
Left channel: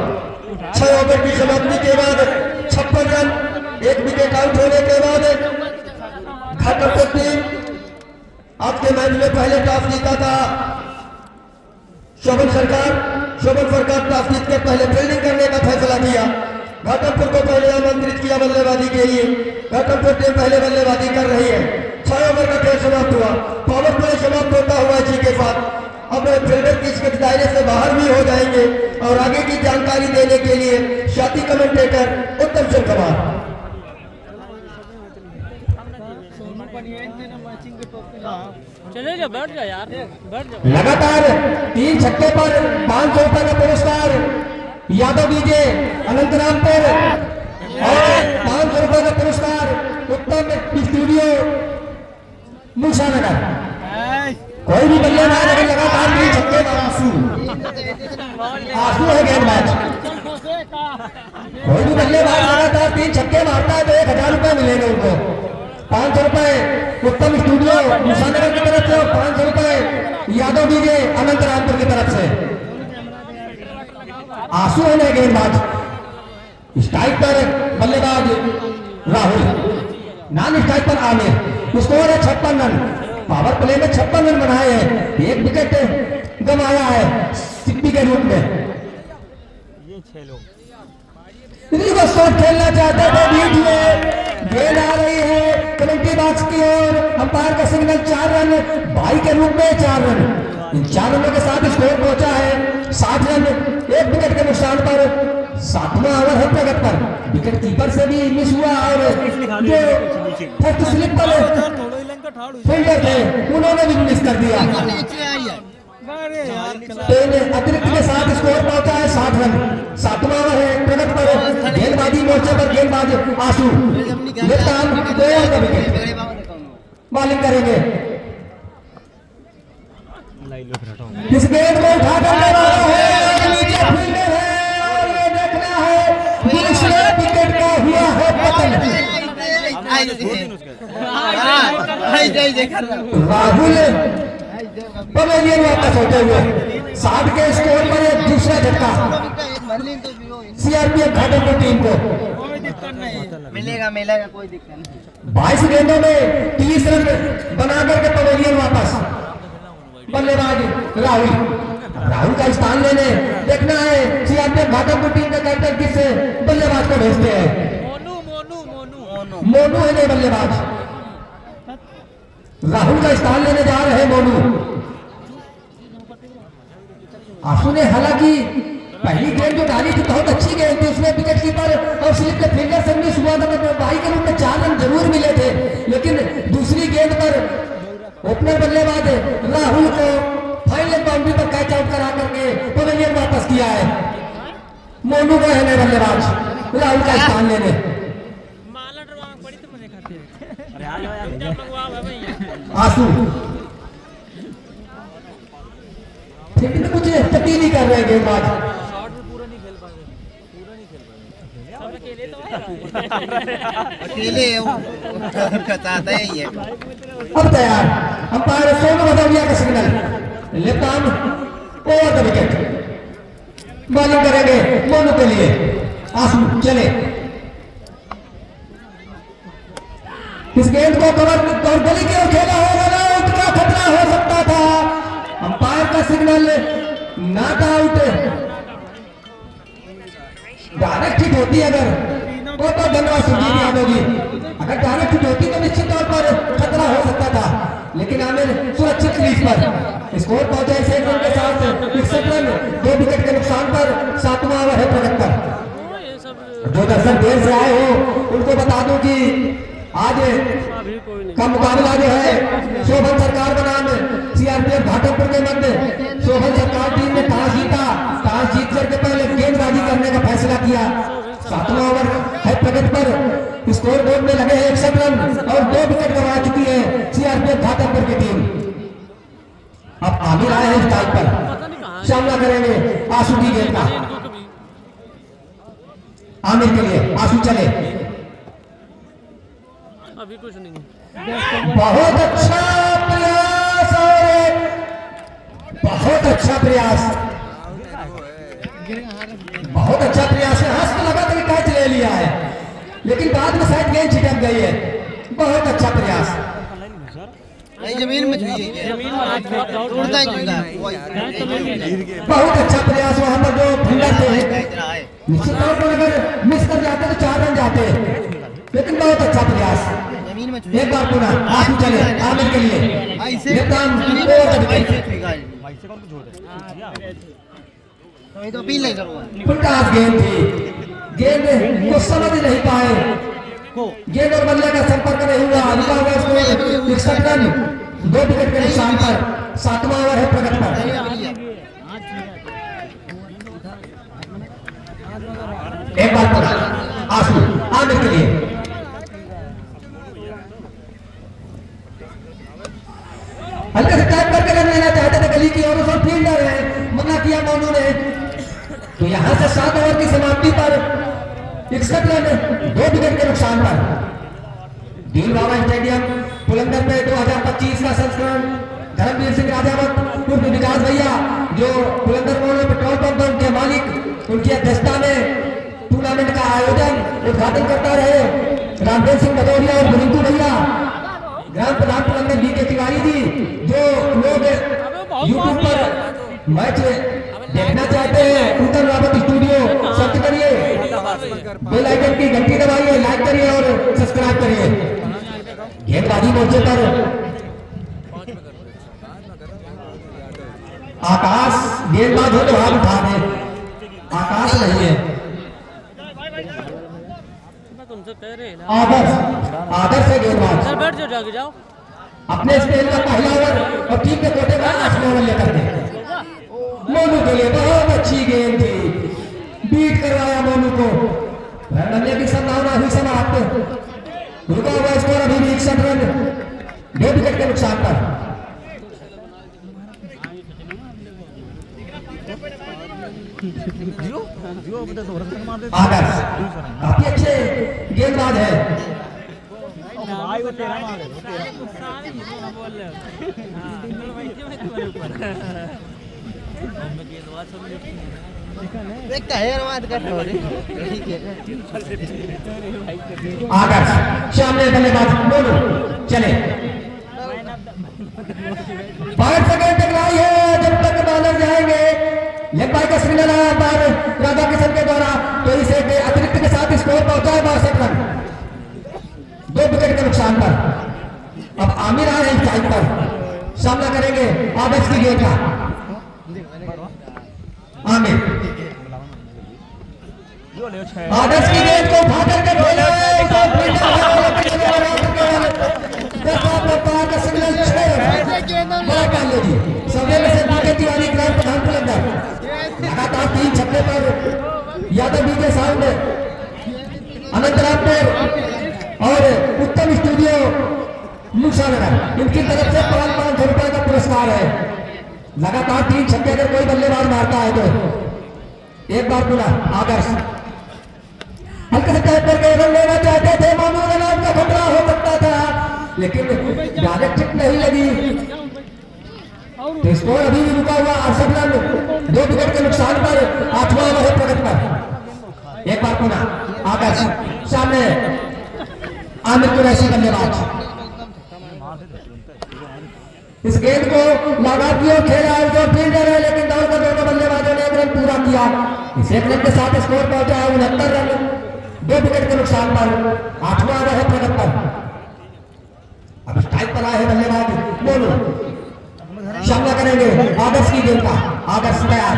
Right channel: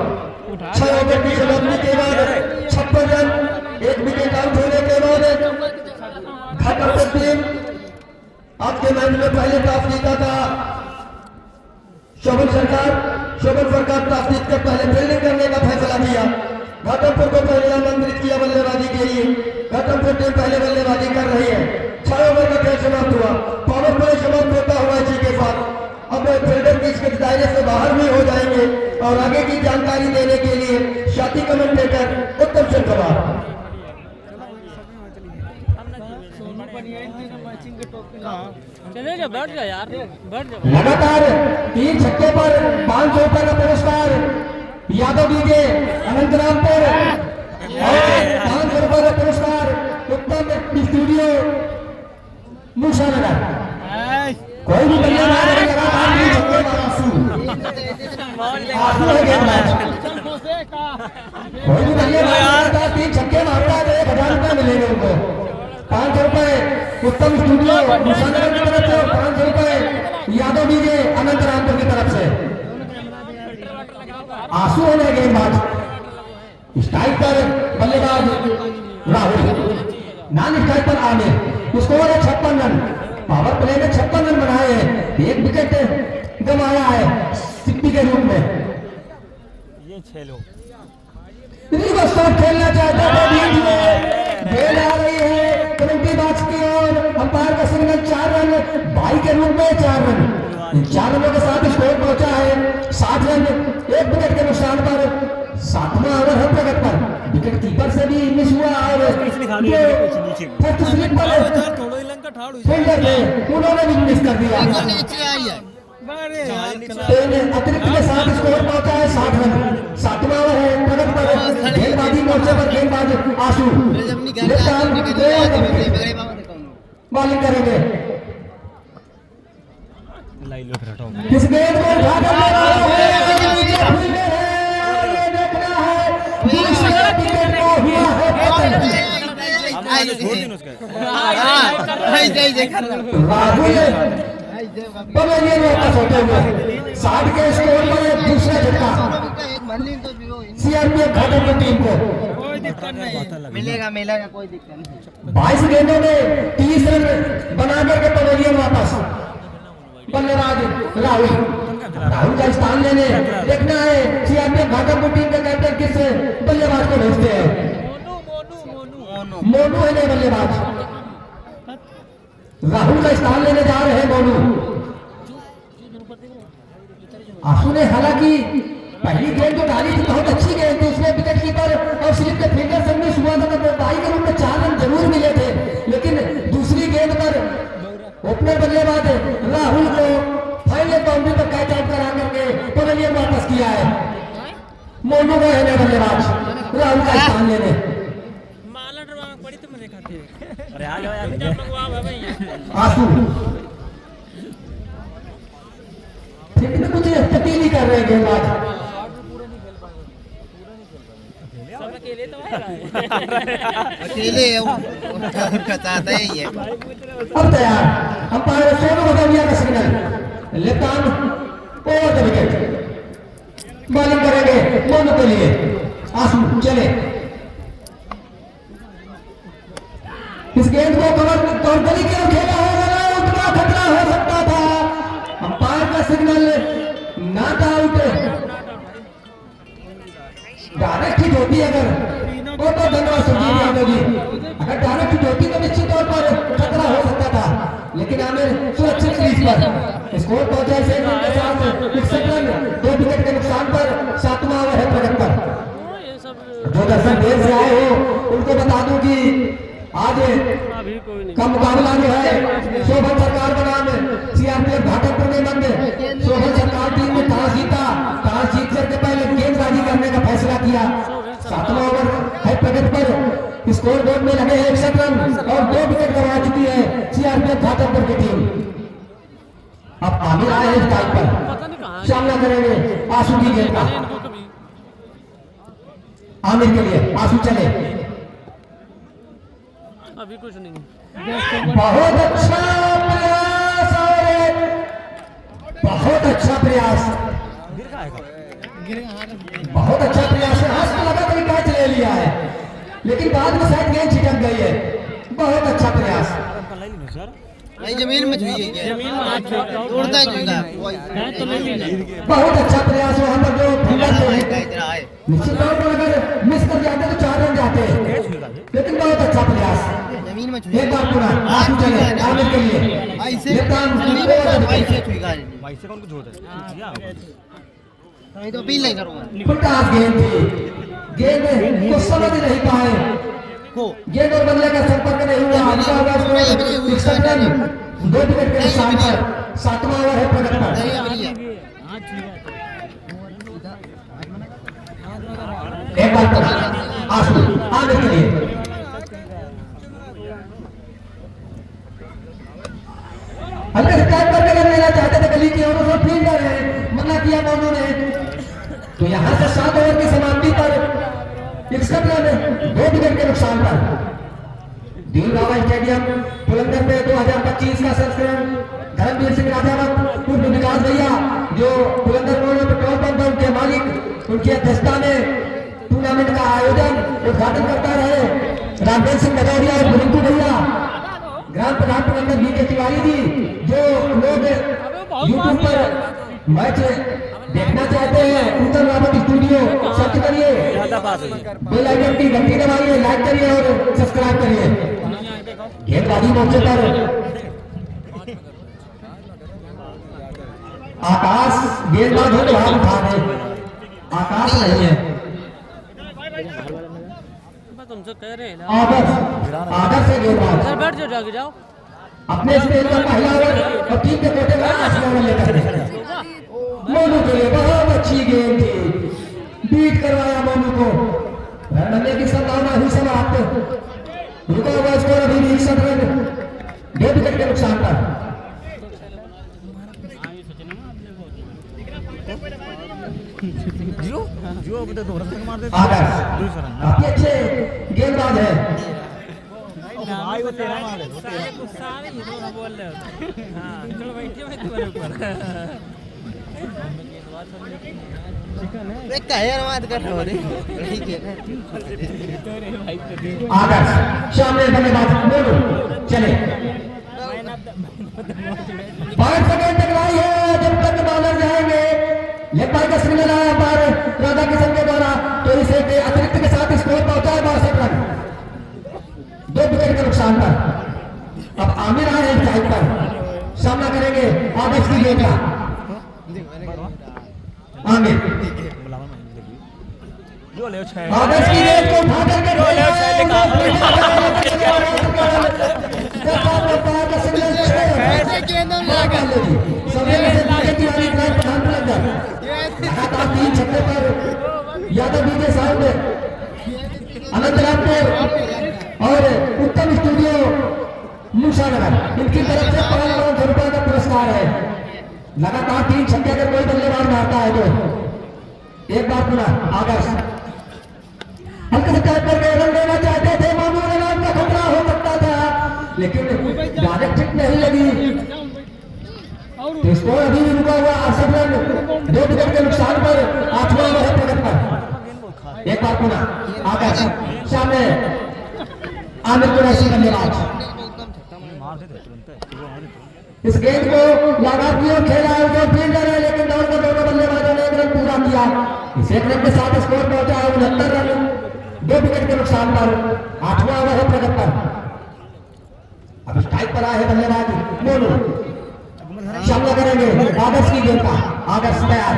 6 ओवर की समाप्ति के बाद 56 रन। एक विकेट आउट होने के बाद घाटमपुर टीम आज के मैच में पहले टॉस जीता था शोभन सरकार टॉस जीत के पहले फील्डिंग करने का फैसला किया। घाटमपुर को पहले आमंत्रित किया बल्लेबाजी के लिए। घाटमपुर टीम पहले बल्लेबाजी कर रही है। 6 ओवर का खेल समाप्त हुआ। पावर प्ले समाप्त होता हुआ इसी के साथ अब फील्डर की इसके दायरे से बाहर भी हो जाएंगे और आगे कमेंटेटर उत्तम सिंह कुमार। चले जा, बैठ जा यार, बैठ जा। लगातार 3 छक्के पर 500 रुपए का पुरस्कार यादव डीजे अनंतरामपुर और 500 रुपए का पुरस्कार उत्तम स्टूडियो मूसानगर। कोई भी बल्लेबाज अगर लगातार 3 छक्के का आंसू है गेंद मैच। कोई भी बल्लेबाज लगातार 3 छक्के मारता है तो 1000 रुपए मिलेंगे उनको। 500 रुपए उत्तम स्टूडियो मूसानगर की तरफ से और 500 रुपए यादव डीजे अनंतरामपुर की तरफ से। आंसू है गेंदबाज। स्ट्राइक पर बल्लेबाज राहुल, नॉन स्ट्राइक पर आमिर। स्कोर है 56 रन। पावर प्ले में 56 रन बनाए हैं। 1 विकेट गंवाया है सिक्की के रूप में। रिवर्स शॉट खेलना चाहता था बीच में, गेंद आ रही है कमेंट्री बॉक्स की ओर। अंपायर का सिग्नल 4 रन, बाई के रूप में 4 रन। इन 4 रनों के साथ स्कोर पहुंचा है 60 रन। 1 विकेट के नुकसान पर 7वां ओवर है प्रगत पर। विकेट कीपर से भी मिस हुआ और ये फर्स्ट स्लिप पर फील्डर थे उन्होंने भी मिस कर दिया। 3 अतिरिक्त के साथ स्कोर पहुंचा है 60 रन। 7वां ओवर है प्रगत पर। गेंदबाजी मोर्चे पर गेंदबाज आंसू बॉलिंग करेंगे। इस गेंद को उठाकर मारा है, नीचे फील्डर है, ये देखना है। दूसरे विकेट को हुआ है पतन। राहुल पवेलियन वापस होते हुए 60 के स्कोर पर एक दूसरा झटका सीआरपीएफ घाटमपुर टीम को। मिलेगा कोई दिक्कत नहीं। 22 गेंदों में 30 रन बना करके पवेलियन वापस। बल्लेबाज राहुल का स्थान लेने देखना है सीआरपीएफ घाटमपुर टीम के कैप्टन किस बल्लेबाज को भेजते हैं। मोनू है नहीं बल्लेबाज। राहुल का स्थान लेने जा रहे हैं मोनू। आंसू ने हालांकि पहली गेंद जो डाली थी बहुत अच्छी गेंद थी, उसमें विकेट कीपर और स्लिप के फील्डर से मिस हुआ था तो बाई के रूप में 4 रन जरूर मिले थे। लेकिन दूसरी गेंद पर ओपनर बल्लेबाज राहुल को फाइनल बाउंड्री पर कैच आउट करा करके पवेलियन वापस किया है। मोनू का है बल्लेबाज राहुल का स्थान लेने। आंसू फिर कुछ तब्दीली नहीं कर रहे गेंदबाज। अकेले उनका चाहता है ये। अब तैयार अंपायर सोनू भदौरिया का signal. Left arm over the wicket. Bowling करेंगे मोनू के लिए। आंसू चले। इस गेंद को कवर गली की ओर खेला होगा, उतना खतरा हो सकता था। अंपायर का signal not out. Direct hit होती अगर तो धन्यवाद सुनील यादव जी। अगर डायरेक्ट हिट होती तो निश्चित तौर पर खतरा हो सकता था, लेकिन आमिर सुरक्षित क्रीज पर। स्कोर पहुंचा है 6 रन के साथ 61 रन। 2 विकेट के नुकसान पर 7वां ओवर है प्रगत पर। जो दर्शक देर से आए हो उनको बता दूं कि आज का मुकाबला जो है शोभन सरकार बनाम सीआरपीएफ घाटमपुर के मध्य। शोभन सरकार टीम ने टॉस जीता। टॉस जीत करके पहले गेंदबाजी करने का फैसला किया। 7वां ओवर है प्रगत पर। स्कोर बोर्ड में लगे हैं 61 रन और 2 विकेट गंवा चुकी है सीआरपीएफ घाटमपुर की टीम। अब आमिर आए हैं स्ट्राइक पर, सामना करेंगे आंसू की गेंद का। आमिर के लिए आंसू चले। अभी कुछ नहीं। बहुत अच्छा प्रयास और बहुत अच्छा प्रयास, बहुत अच्छा प्रयास है। हाथ में लगा कर कैच ले लिया है, लेकिन बाद में शायद गेंद छिटक गई है। बहुत अच्छा प्रयास। जमीन में बहुत अच्छा प्रयास वहां पर जो फील्डर थे। निश्चित तौर पर अगर मिस कर जाते तो 4 रन जाते, लेकिन बहुत अच्छा प्रयास। एक बार पूरा आंसू चले आमिर के लिए। तो अपील नहीं करूंगा। फुल टॉस गेंद थी, गेंद को समझ नहीं पाए, गेंद और बल्ले का संपर्क नहीं हुआ। लिखा हुआ स्कोर 61 रन, 2 विकेट के निशान पर। 7वां ओवर है प्रगति पर। एक बार पर आंसू आने के लिए हल्के से टैप करके कर लेना चाहते थे, गली की ओर से फील्डर है, मना किया दोनों ने। तो यहां से 7 ओवर की समाप्ति पर 61 रन, 2 विकेट के नुकसान पर। दीन बाबा स्टेडियम पुलंदर में 2025 का संस्करण धर्मवीर सिंह राजावत उर्फ विकास भैया, जो पुलंदर रोड पेट्रोल पंप के मालिक, उनकी अध्यक्षता में टूर्नामेंट का आयोजन उद्घाटन करता रहे रामदेव सिंह भदौरिया और गुरिंटू भैया, ग्राम प्रधान पुलंदर बी के तिवारी जी, जो लोग यूट्यूब पर मैच देखना चाहते हैं, उत्तर रावत स्टूडियो सर्च करिए, बेल आइकन की घंटी दबाइए, लाइक करिए और सब्सक्राइब करिए। गेंदबाजी मोर्चे पर आकाश गेंदबाज हो तो हाथ उठा दे, आकाश नहीं है। मैं तुमसे कह रहे हैं ना, आदर्श है गेंदबाज। सर बैठ जाओ, जाके जाओ। अपने स्पेल का पहला ओवर और टीम के कोटे में 8वां ओवर लेकर गए। मोनू के लिए बहुत अच्छी गेंद थी, बीट करवाया मोनू को। रन बनने की संभावना हुई समाप्त। रुका हुआ स्कोर अभी भी 61 रन, 2 विकेट के नुकसान पर। आदर्श काफी अच्छे गेंदबाज है। आदर्श सामने बल्लेबाज मोनू चले, 5 सेकंड तक लाई है। जब तक बॉलर जाएंगे, लेग बाय का सिग्नल आया पर राधा किशन के द्वारा, तो इसे अतिरिक्त के साथ स्कोर पहुंचा है 62 रन, 2 विकेट के नुकसान पर। अब आमिर आए हैं साइड पर, सामना करेंगे आदर्श की गेंद का। आमिर आदर्श की गेंद को उठा करके खेला है, सवेरे से बीके तिवारी ग्राम प्रधान पुलंदर लगातार 3 छक्के पर यादव बीके साहब ने अनंतरामपुर और उत्तम स्टूडियो मूसानगर, इनकी तरफ से 5,00,000 रुपए का पुरस्कार है। लगातार 3 छक्के अगर कोई बल्लेबाज मारता है तो एक बार पुनः आदर्श हल्के से टाइप करके रन लेना चाहते थे, मानू रन का खतरा हो सकता था, लेकिन डायरेक्ट हिट नहीं लगी। तो स्कोर अभी भी रुका हुआ 68 रन, 2 विकेट के नुकसान पर। 8वां ओवर है प्रगति पर। एक बार पुनः आकाश सामने आमिर कुरैशी बल्लेबाज। इस गेंद को लगातार खेला और फील्डर है, लेकिन दौड़ कर दोनों बल्लेबाजों ने 1 रन पूरा किया। इस 1 रन के साथ स्कोर पहुंचा है 69 रन, 2 विकेट के नुकसान पर। 8वां ओवर है प्रगति पर। अब स्ट्राइक पर आए हैं बल्लेबाज मोनू, सामना करेंगे आदर्श की गेंद का। आदर्श तैयार,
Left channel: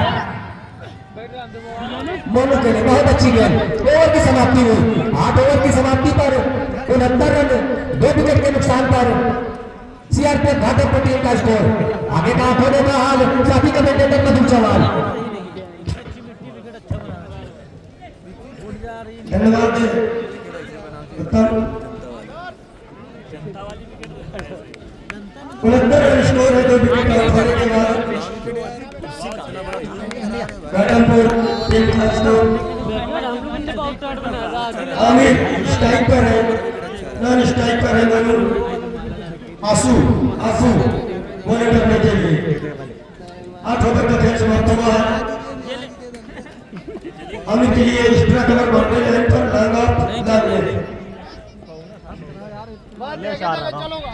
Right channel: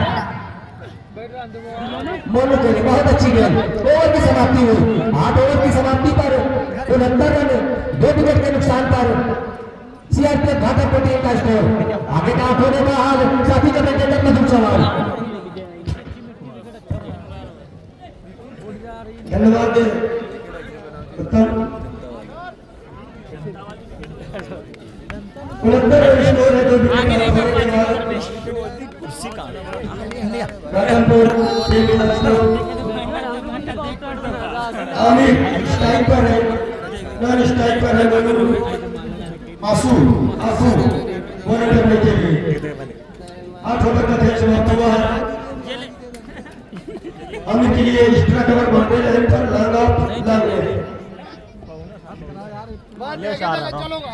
मोनू के लिए बहुत अच्छी गेंद। ओवर की समाप्ति हुई, 8 ओवर की समाप्ति पर 69 रन, 2 विकेट के नुकसान पर। सीआरपीएफ भागलपुर टीम का स्कोर। आगे का होने का हाल सभी कमेंटेटर में सवाल। धन्यवाद स्कोर है 2 विकेट के बाद रामपुर टीम का स्कोर। आमिर स्ट्राइक पर है, नॉन स्ट्राइक पर है मोनू। आंसू बॉलिंग करने के लिए 8 ओवर का खेल समाप्त हुआ है। अमित के लिए एक्स्ट्रा कवर बढ़ते हैं पर लगा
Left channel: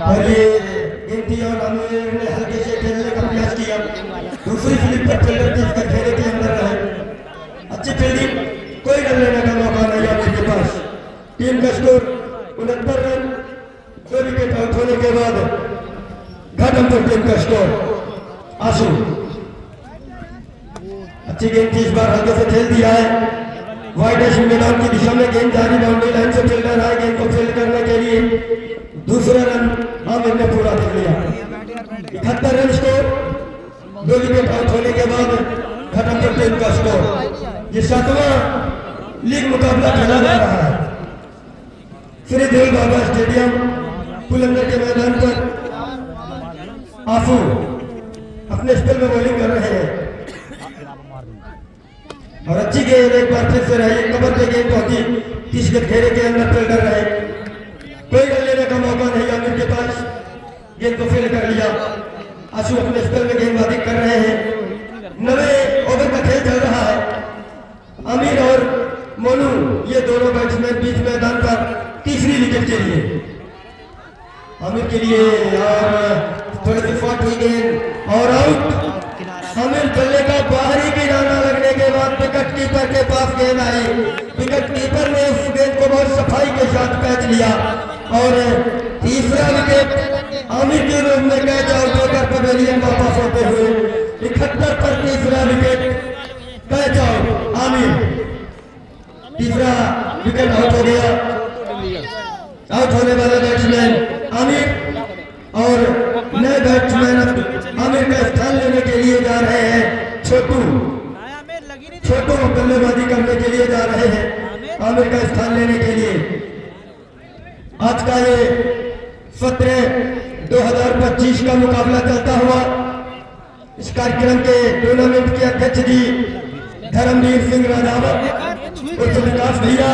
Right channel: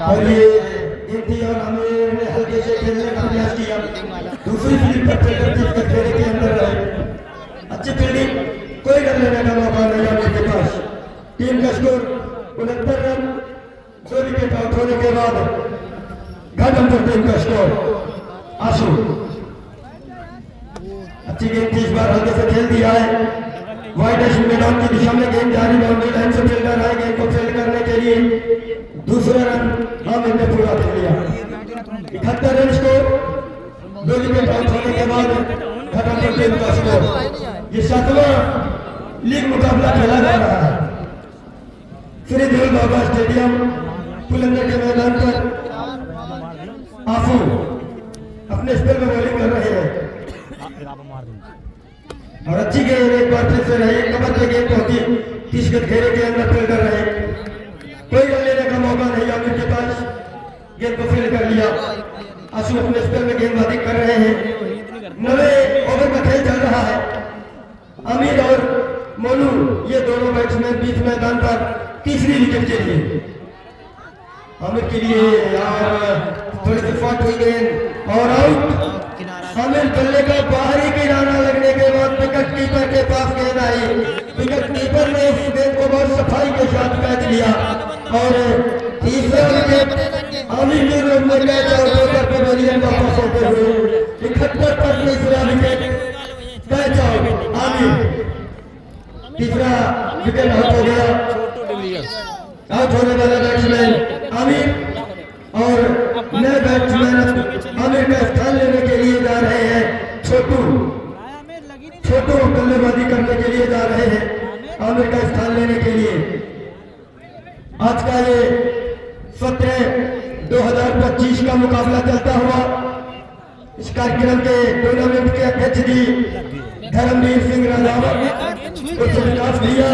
और ये गिनती और अमीर ने हल्के से खेलने का प्रयास किया। दूसरी स्लिप पर खेलते थे, इसके खेले के अंदर रहे। अच्छी फील्डिंग, कोई रन लेने का मौका नहीं अमित के पास। टीम का स्कोर 69 रन, 2 विकेट आउट होने के बाद घाटमपुर टीम का स्कोर। आंसू अच्छी गेंद थी, इस बार हल्के से खेल दिया है, वाइडेस्ट मैदान की दिशा में गेंद जारी बाउंड्री लाइन से खेल रहा है। गेंद को फील्ड करने के लिए दूसरा रन आमिर ने पूरा कर लिया। 71 रन स्कोर। 2 विकेट आउट होने के बाद घटाकर टीम का स्कोर। ये 7वां लीग मुकाबला खेला जा रहा है श्री देव बाबा स्टेडियम पुलंदर के मैदान पर। आफू अपने स्पेल में बॉलिंग कर रहे हैं और अच्छी गेंद एक बार फिर से रही। कमर पे गेंद पहुंची 30 गज घेरे के अंदर फील्ड कर रहे। कोई रन लेने का मौका नहीं आमिर के पास। गेंद को फील्ड कर लिया। आशु अपने स्पेल में गेंदबाजी कर रहे हैं। 9वें ओवर का खेल चल रहा है। आमिर और मोनू ये दोनों बैट्समैन बीच मैदान पर तीसरी विकेट के लिए। आमिर के लिए और थोड़ी सी फाट हुई गेंद और आउट। आमिर बल्ले का बाहरी किनारा लगने के बाद विकेट कीपर के पास गेंद आई। विकेट कीपर ने उस गेंद को बहुत सफाई के साथ कैच लिया और तीसरा विकेट आमिर के रूप में कैच आउट होकर पवेलियन वापस होते हुए 71 पर तीसरा विकेट कैच आउट। आमिर तीसरा विकेट आउट हो गया। आउट होने वाला बैट्समैन आमिर और नए बैट्समैन आमिर का स्थान लेने के लिए जा रहे हैं छोटू। छोटू बल्लेबाजी करने के लिए जा रहे हैं आमिर का स्थान लेने के लिए। आज का ये सत्र 2025 का मुकाबला चलता हुआ इस कार्यक्रम के टूर्नामेंट के अध्यक्ष जी धर्मवीर सिंह राजावत, विकास भैया,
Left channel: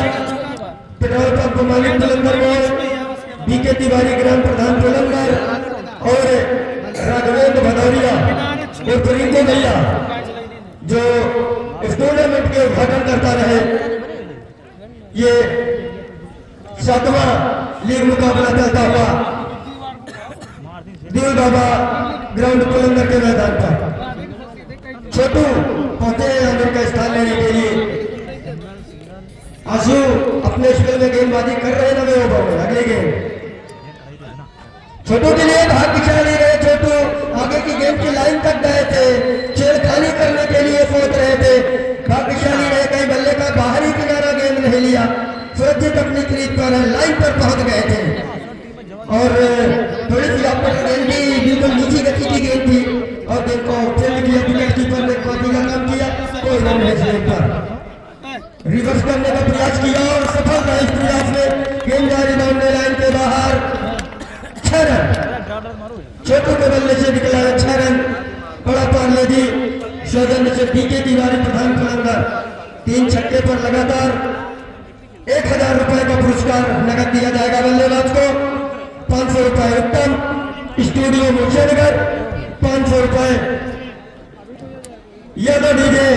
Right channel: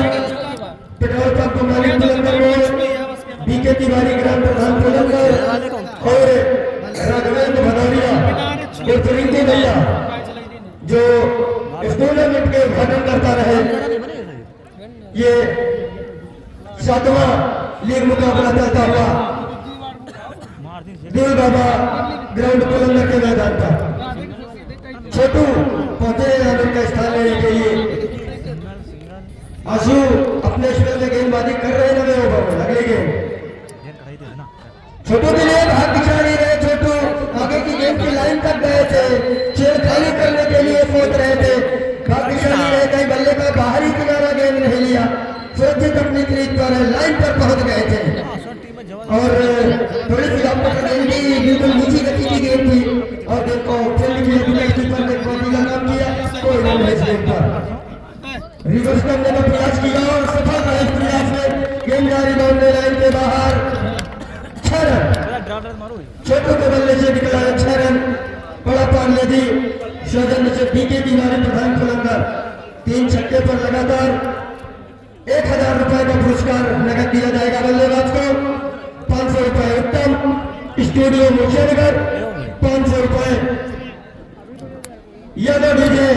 पेट्रोल पंप मालिक पुलंदर में बीके तिवारी ग्राम प्रधान पुलंदर और राघवेंद्र भदौरिया रिंकू भैया जो इस टूर्नामेंट के उद्घाटन करता रहे। ये 7वां लीग मुकाबला चलता हुआ देव बाबा ग्राउंड पुलंदर के मैदान पर। छोटू पहुंचे आमिर का स्थान लेने के लिए। आशु अपने स्पेल में गेंदबाजी कर रहे हैं 9वें ओवर में। अगली गेंद छोटू के लिए भाग्यशाली रहे। छोटू आगे की गेंद की लाइन तक गए थे, छेड़खानी करने के लिए सोच रहे थे। भाग्यशाली रहे, कहीं बल्ले का बाहरी किनारा गेंद नहीं लिया, सुरक्षित अपनी क्रीज पर लाइन पर पहुंच गए थे और थोड़ी सी आपको गेंद भी बिल्कुल नीची गति की गेंद थी और गेंद को फील्ड किया। विकेट कीपर ने कोई का काम किया, कोई रन नहीं गेंद पर रिवर्स करने का प्रयास किया और सफल रहा इस प्रयास में। गेंद जारी बाउंड्री लाइन के बाहर। 6 रन छोटू को बल्ले से निकला 6 रन। बड़ा पार्लेजी सौजन्य से बीके तिवारी प्रधान पुलंदर। 3 छक्के पर लगातार 1000 रुपए का पुरस्कार नगद दिया जाएगा बल्लेबाज को। 500 रुपए उत्तम स्टूडियो मुर्शिदाबाद, 500 रुपए यादव डीजे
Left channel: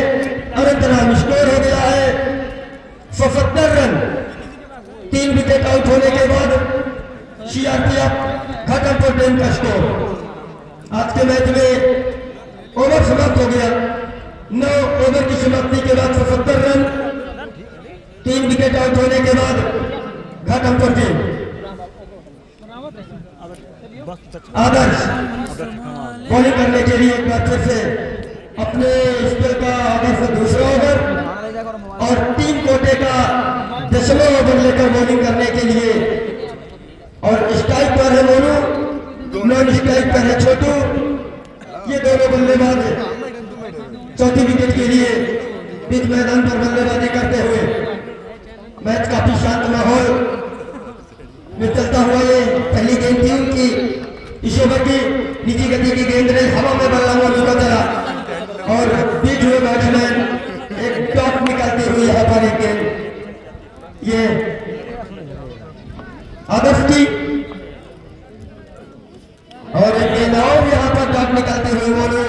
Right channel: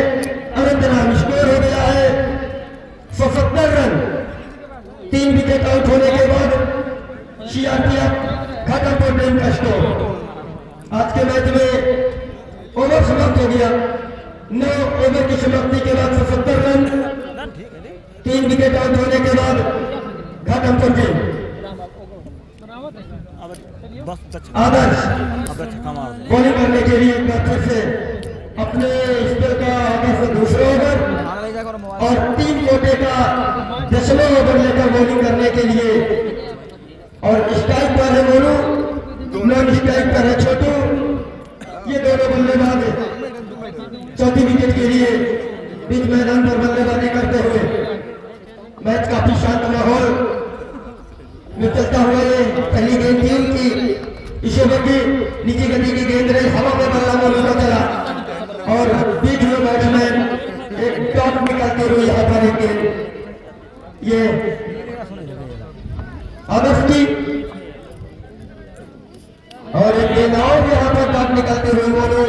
अनंतराम। स्कोर हो गया है 77 रन। 3 विकेट आउट होने के बाद सीआरपीएफ घाटमपुर टीम का स्कोर। आज के मैच में ओवर समाप्त हो गया। 9 ओवर की समाप्ति के बाद 77 रन। 3 विकेट आउट होने के बाद घाटमपुर टीम। आदर्श बॉलिंग करने के लिए एक बार फिर से अपने स्पेल का आदर्श दूसरा ओवर और 3 कोटे का 10वां ओवर लेकर बॉलिंग करने के लिए। और स्ट्राइक पर है मोनू, नॉन स्ट्राइक पर है छोटू। ये दोनों बल्लेबाज चौथी विकेट के लिए बीच मैदान पर बल्लेबाजी करते हुए। मैच काफी शांत माहौल में चलता हुआ ये पहली गेंद थी उनकी। इस ओवर की नीची गति की गेंद ने हवा में बल्ला मोनू का चला और बीच में बैट्समैन एक टॉप निकालते हुए यहाँ पर एक गेंद ये आदर्श की और एक गेंद और यहाँ पर टॉप निकालते हुए मोनू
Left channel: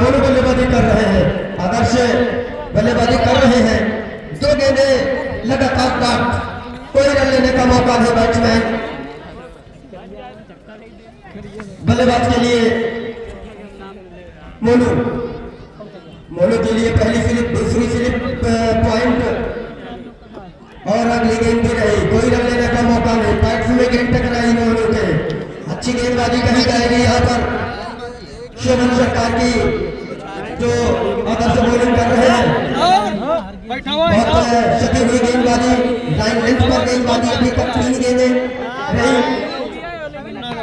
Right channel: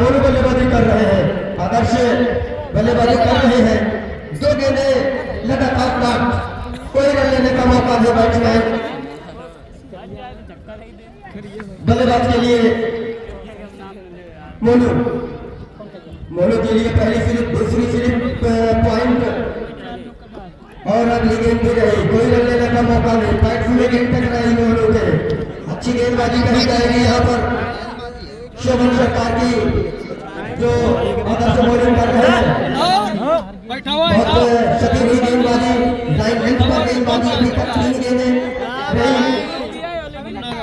मोनू बल्लेबाजी कर रहे हैं। आदर्श बल्लेबाजी कर रहे हैं। 2 गेंदें लगातार टॉप, कोई रन लेने का मौका नहीं बैट्समैन। बल्लेबाज के लिए मोनू के लिए पहली स्लिप, दूसरी स्लिप पॉइंट और अगली गेंद भी रही। कोई रन लेने का मौका नहीं। बैट्स में गेंद टकराई मोनू के। अच्छी गेंदबाजी कही जाएगी यहाँ पर शोभन सरकार की जो आदर्श बॉलिंग कर रहे हैं। सटी हुई गेंदबाजी, लाइन लेंथ पर गेंदबाजी अभी तक 3 गेंदें रही।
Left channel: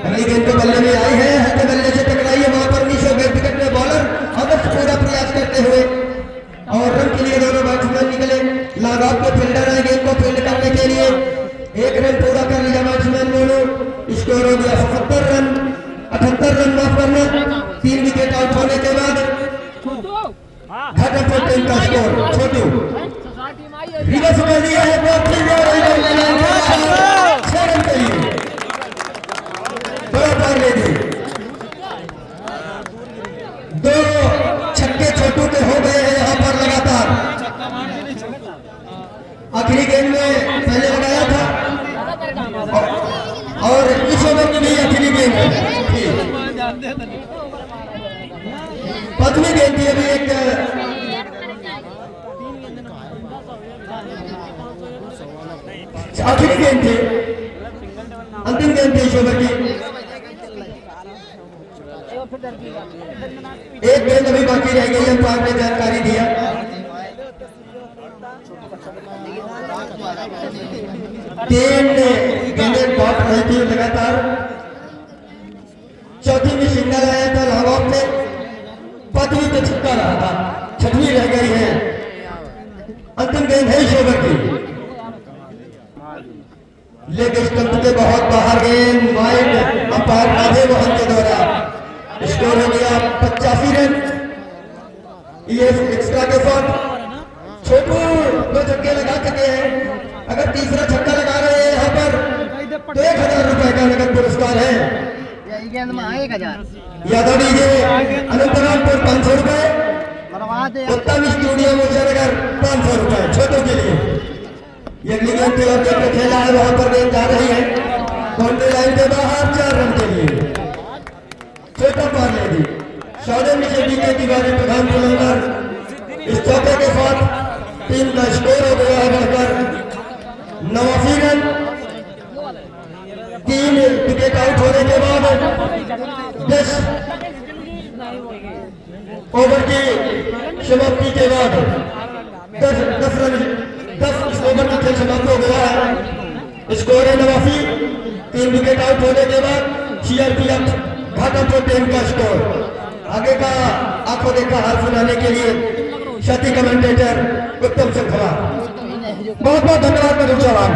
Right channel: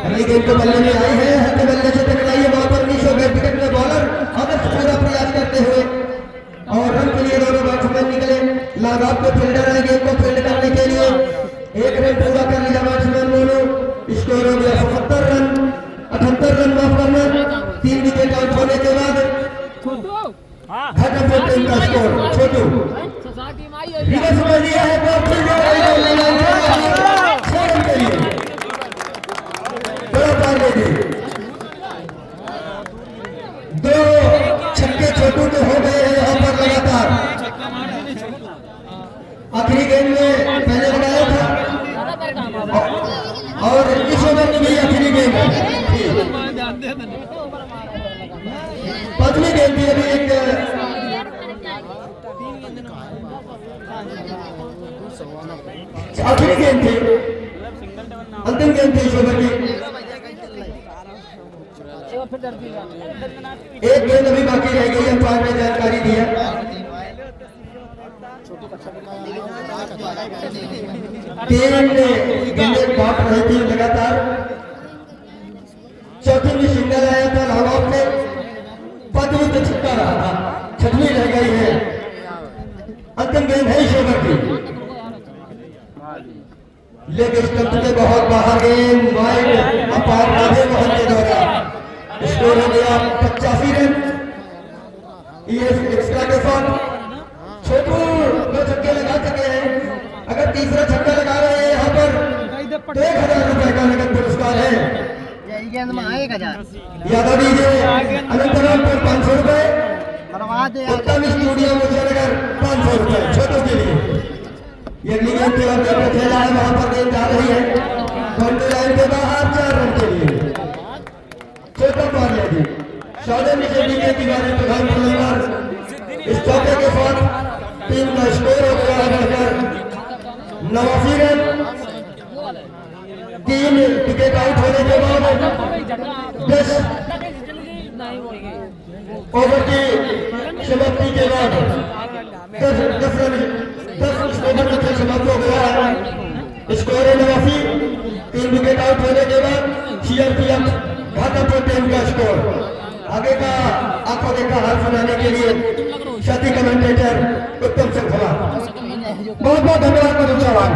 अगली गेंद तो बल्ले में आई है, हल्के बल्ले से टकराई है वहां पर नीचे गए विकेट में बॉलर अगर पूरा प्रयास करते हुए और रन के लिए दोनों बैट्समैन निकले। लगाव को फील्डर है गेंद को फील्ड करने के लिए 1 रन पूरा कर लिया बैट्समैन मोनू। स्कोर हो गया 77 रन, 78 रन माफ करना। 3 विकेट आउट होने के बाद घटक टीम का स्कोर छोटू रिवर्स कर दिया है 6 रन के लिए बड़ा पार ले दी। 2 छक्के छोटू के हो गए हैं यहाँ पर लगातार। आखिरी गेंद में पहले लगाया था और इस ओवर में भी आखिरी गेंद थी। 5वीं गेंद थी, अभी एक आखिरी गेंद थी, अंतिम गेंद थी इस ओवर की। एक गेंद अभी बाकी रह गई, अंपायर ने जानकारी दिया। तीन गेंदें काट रही थी लगातार। चौथी में सिंगल आया था लॉन्ग से, 5वीं पे छक्का रहा था, 6वीं रह गई है। अंतिम गेंद है इस ओवर की, लेग स्टंप के बहुत बाहर गेंद वाइड, अंपायर राधे मोहन के द्वारा। स्कोर हो गया 85 रन एक्स्ट्रा के साथ। छोटू 2 छक्के लगा चुके हैं, अगर तीसरा छक्का लगा रहे हैं यहाँ पर तो 1000 रुपए का नगद पुरस्कार है। यादव डीजे अनंतनागपुर 500 रुपए, उत्तम स्टूडियो मुजफ्फरनगर 500 रुपए छोटू के लिए। ये अगली गेंद क्लब का खेला है, वहां पर गेंद जा रही है बाउंड्री लाइन के बाहर 4 रन के लिए छोटा पार ले दी। साढ़े नीचे टीके किनारे प्रधान फिल्मकार इस चौके के साथ टीम का स्कोर हो गया है बढ़कर 89 रन। 3 विकेट आउट होने के बाद 10 ओवर की समाप्ति के बाद 10 ओवर का खेल समाप्त हो गया है। स्कोर है 89। 3 विकेट आउट होने के बाद सीआरपीएफ घाटमपुर टीम का स्कोर। आगे का आंखों देखा हाथ बनाने के लिए साथी कमेंटेटर उत्तम श्रृंखला बहुत बहुत धन्यवाद करूँ चौहान।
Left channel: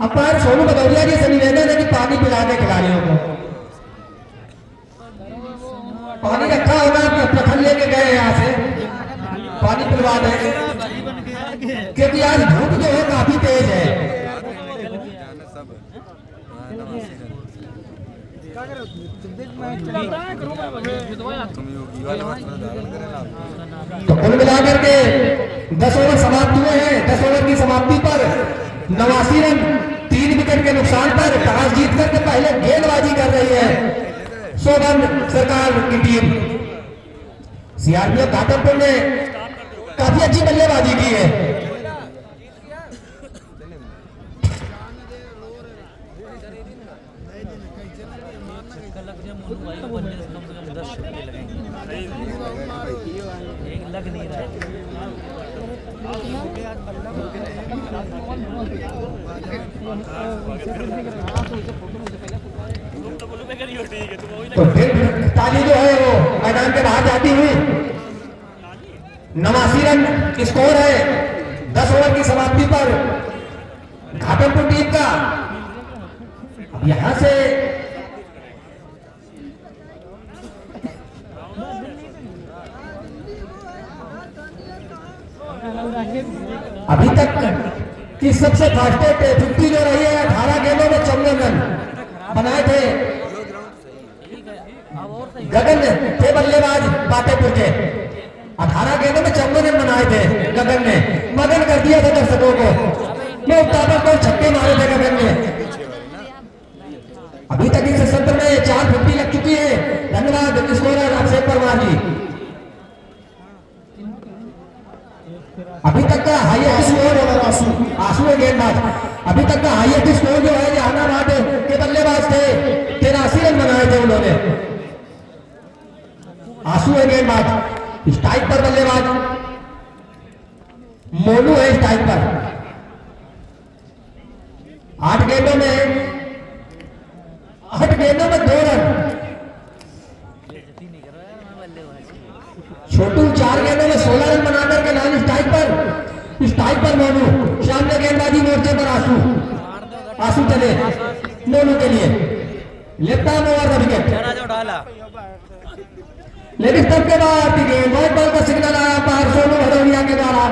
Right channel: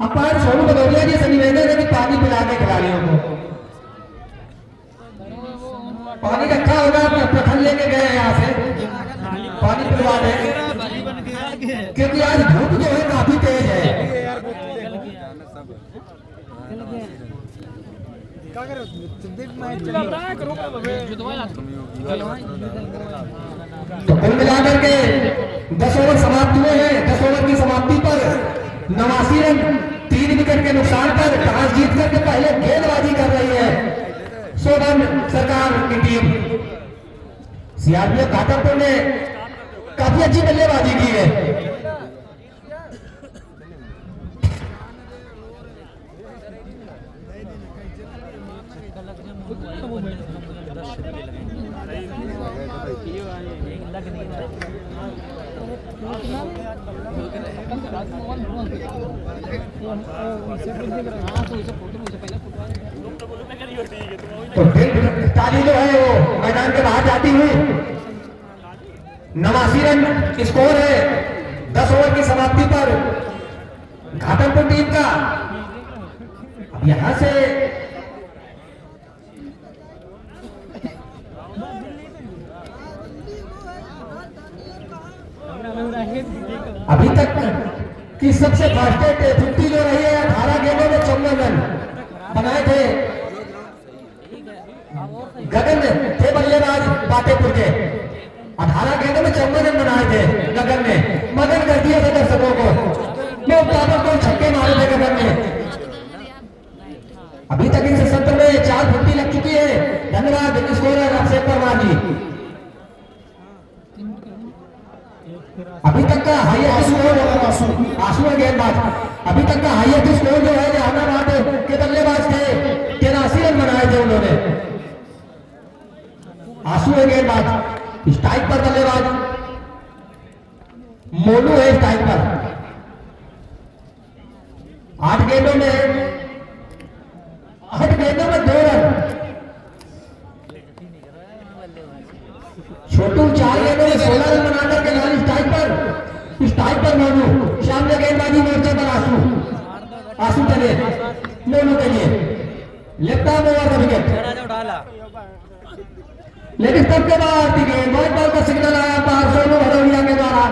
अंपायर सोनू भदौरिया जी से निवेदन है कि पानी पिला के खिलाड़ियों को पानी रखा होगा, प्रखंड लेके गए यहाँ से पानी पिलवा दें, क्योंकि आज धूप जो है काफी तेज है। तो कुल मिलाकर के 10 ओवर समाप्त हुए हैं। 10 ओवर की समाप्ति पर 89 रन 3 विकेट के नुकसान पर टॉस जीत करके पहले गेंदबाजी कर रही है शोभन सरकार की टीम। सीआरपीएफ घाटमपुर ने काफी अच्छी बल्लेबाजी की है। तो ताली जो है वो मैदान के बाहर जाती हुई 89 रन स्कोर है 10 ओवर की समाप्ति पर घाटमपुर टीम का। अब यहां से अभी तक की सबसे फास्टेस्ट 50 जो रही है 18 गेंदों में 54 रन बनाए थे। गगन थे बल्लेबाज पाटेपुर के, 18 गेंदों में 54 रन बनाए थे गगन ने। मगन कर दिया था दर्शकों को, मैं ताबड़तोड़ छक्के मारे थे गगन ने। अभी तक इस सत्र में 4 50 लग चुकी है। धन्यवाद स्कोरर अक्षय परमार जी। अभी तक का हाईएस्ट स्कोर आसू गेंदबाज, अभी तक का हाईएस्ट स्कोर जो है जहानाबाद के बल्लेबाज थे 83 रन बनाए थे उन्होंने। आसू गेंदबाज, स्ट्राइक पर बल्लेबाज मोनू है स्ट्राइक पर। Left arm over the wicket. थोड़ा जो डाला लेकिन तब के बाद गेंद व्हाइट बॉल का सिग्नल आया बाहर सोनू भदौरिया के द्वारा।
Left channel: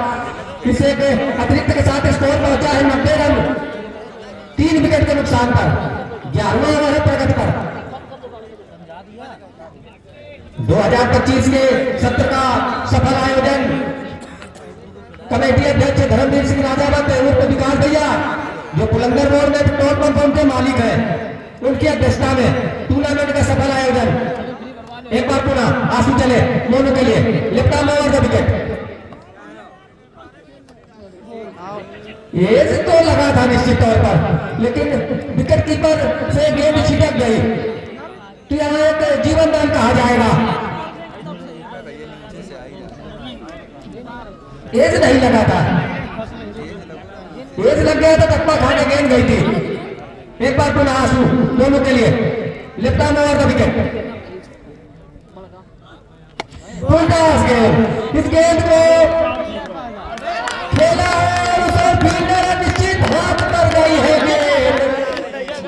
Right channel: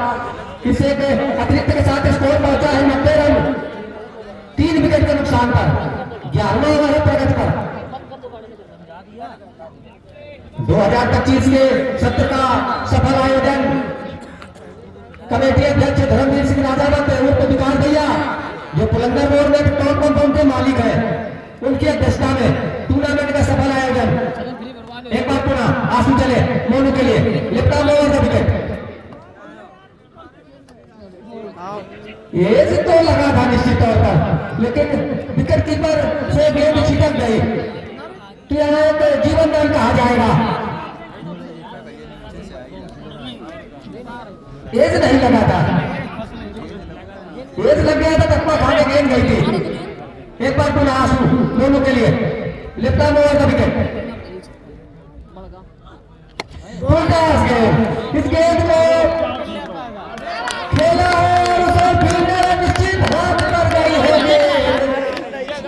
इसे के अतिरिक्त के साथ स्कोर पहुंचा है 90 रन 3 विकेट के नुकसान पर। 11वें ओवर है प्रगति पर। 2025 के सत्र का सफल आयोजन कमेटी अध्यक्ष धर्मवीर सिंह राजावत उर्फ विकास भैया जो पुलंदर मोड़ में टॉप कंपाउंड के मालिक है उनकी अध्यक्षता में टूर्नामेंट का सफल आयोजन। एक बार पुनः आंसू चले मोनू के लिए left arm over the wicket. ये तो लगा था निश्चित तौर पर लेकिन विकेट कीपर से गेंद छिटक गई तो यहाँ एक जीवन दान कहा जाएगा। एज नहीं लगा था, एज लग गया था टप्पा खाने गेंद गई थी। एक बार पुनः आंसू मोनू के लिए left arm over the wicket. इस गेंद को खेला और उसे फील्डर निश्चित हाथ पर गई है गेंद।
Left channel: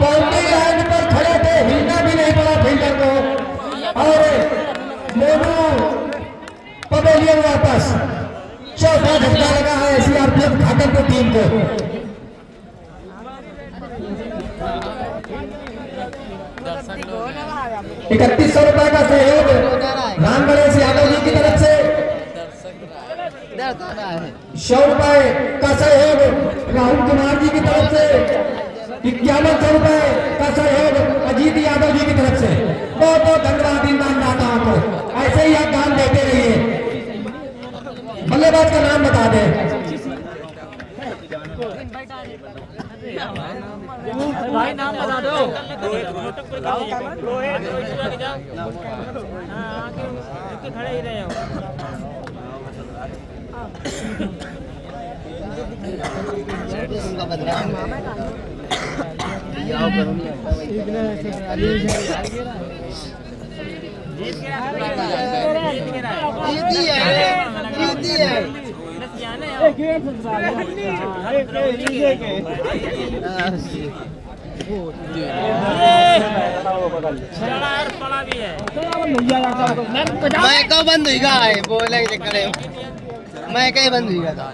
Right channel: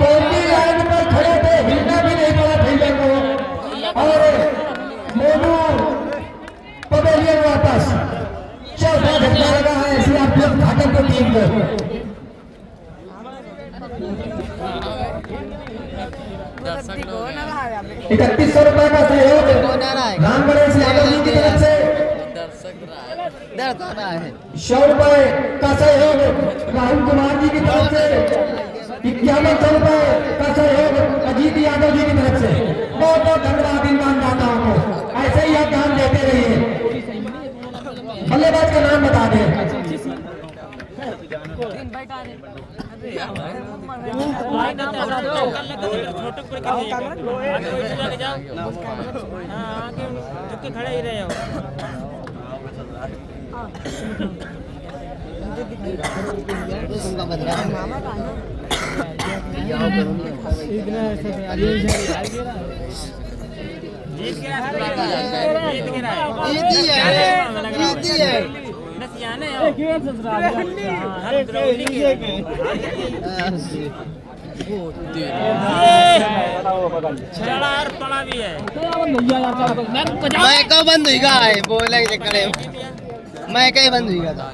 बाउंड्री लाइन पर खड़े थे, हिलना भी नहीं पड़ा फील्डर को और मोनू पवेलियन वापस। चौथा झटका लगा है सीआरपीएफ घाटमपुर टीम को। 3100 रुपए का सहयोग राम गणेश यादव जी की तरफ से। 100 रुपए का सहयोग राहुल कुमार जी की तरफ से। 9100 रुपए का सहयोग अजीत यादव जी की तरफ से। बहुत बहुत धन्यवाद इन दानदाताओं को, ऐसे ही आप दान देते रहिए। बल्लेबाज का नाम बता दें। भाई नाम बता दो। खड़े ही रहे मैं कब बंद हुई है बोले करे मैं कहीं बंद हुई था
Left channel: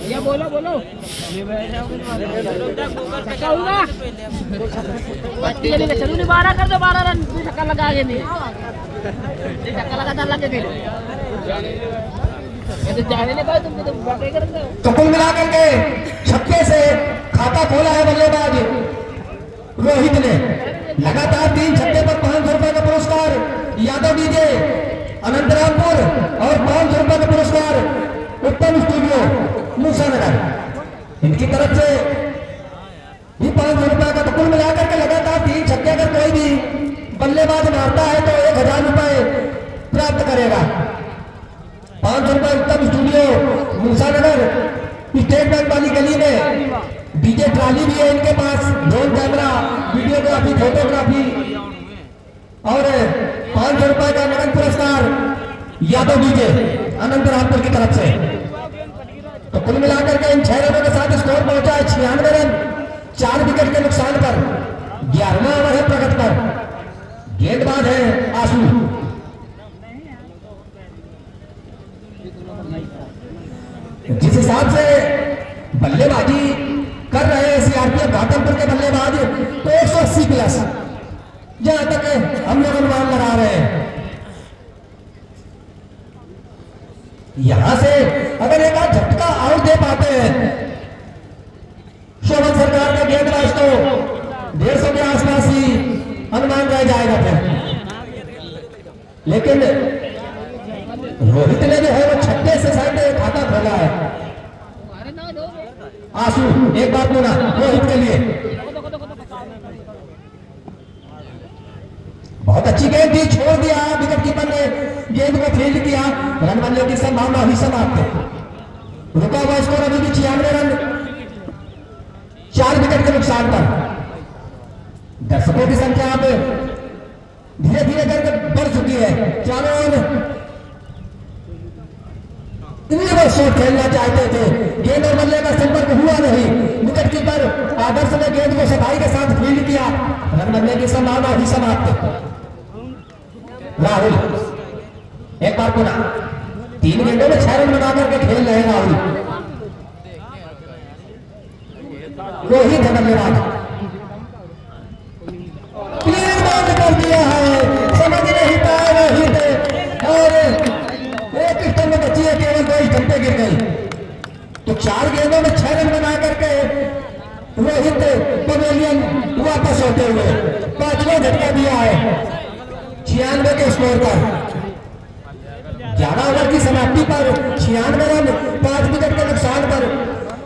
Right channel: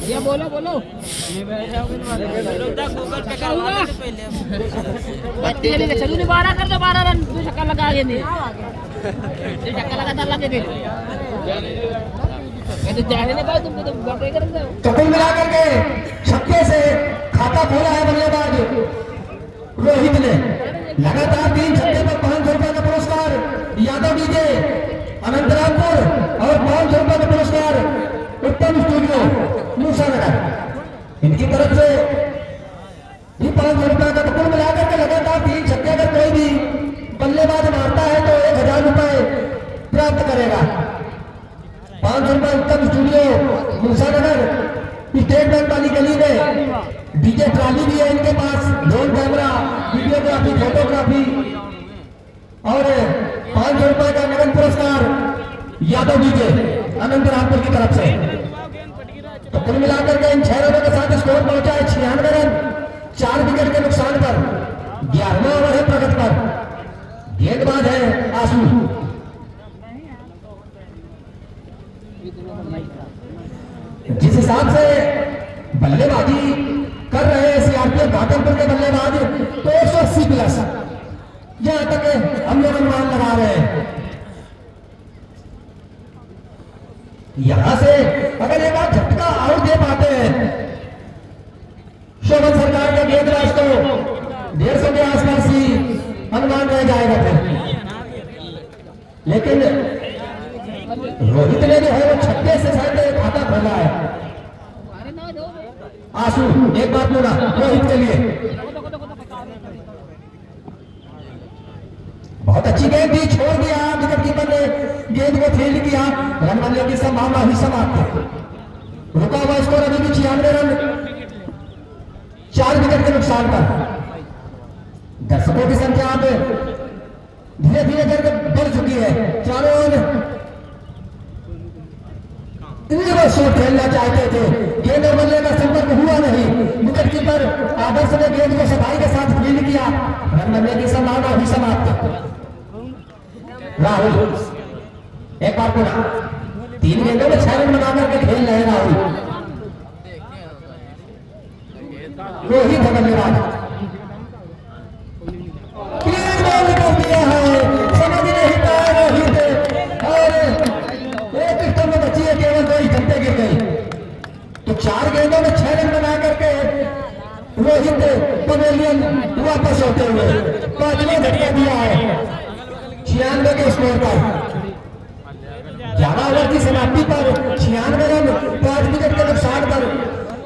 ये बोलो बोलो चलो नहीं 12 कर दो 12 रन धक्का लगा के नहीं धक्का लगातार लगे थे तो कुल मिलाकर के छक्के से खाता खोला है बल्लेबाज रोहित ने। लगातार 3 छक्के पर 500 रुपए का पुरस्कार यादव डीजे अनंतरामपुर और 500 रुपए का पुरस्कार उत्तम स्टूडियो मूसानगर इनकी तरफ से भी 500 रुपए का। तो कुल मिलाकर के लगातार 3 छक्के अगर कोई भी बल्लेबाज मारता है तो 1000 रुपए प्राप्त करेगा। 500 रुपए उत्तम स्टूडियो मूसानगर स्टेट बैंक वाली गली में डीजे ट्राली भी है इनके पास, ड्रोन कैमरा, वीडियोग्राफी, फोटोग्राफी और 500 रुपए का नगद पुरस्कार यादव डीजे अनंतरामपुर की तरफ से। तो कुल मिलाकर के इन 6 रनों के साथ स्कोर पहुंचा है 96 रन 4 विकेट के नुकसान पर। 11वां ओवर है प्रगति पर। गेंदबाज है आंसू। जिस हिसाब से बल्लेबाजी कर रहे हैं सीआरपीएफ घाटमपुर के बल्लेबाज तो 180 प्लस जहां तक हम लोग अनुमान लगा रहे हैं। यहां से अगर एक बार झटका आउट दे पाते हैं शोभन सरकार का गेंदबाज तो 150 के आसपास ही अनुमान रह जाएगा फिर। लेकिन रोहित ने जो है वो 36 से शायद खाता खोला है। आंसू एक बार पूरा रोहित के लिए। बहुत अच्छी गेंद थी, छोड़ दिया विकेट कीपर ने गेंद को फील्ड किया। रन बनने की संभावना हुई समाप्त। रुका हुआ स्कोर अभी भी 96 रन 4 विकेट के नुकसान पर। दर्शकों की संख्या अब धीरे धीरे करके बढ़ चुकी है। चारों ओर रिवर्स शॉट खेलना चाहते थे, गेंद और बल्ले का संपर्क हुआ नहीं। विकेट कीपर आदर्श ने गेंद को सफाई के साथ फील्ड किया, रन बनने की संभावना ही समाप्त। राहुल एक बार पूरा 3 गेंदों में 6 रन बनाकर के खेल रहे हैं राहुल। रोहित है बल्लेबाज, क्लियर बॉल कर दिया है, समझ नहीं पाया रोहित, और एक स्टंप में बची है केवल, 2 स्टंपें गिर गई। तो 4 गेंदों में 6 रन बना करके रोहित पवेलियन वापस होते हुए 5वां झटका दिया है 96 के स्कोर पर। 11 ओवर की समाप्ति पर 96 रन 5 विकेट के नुकसान पर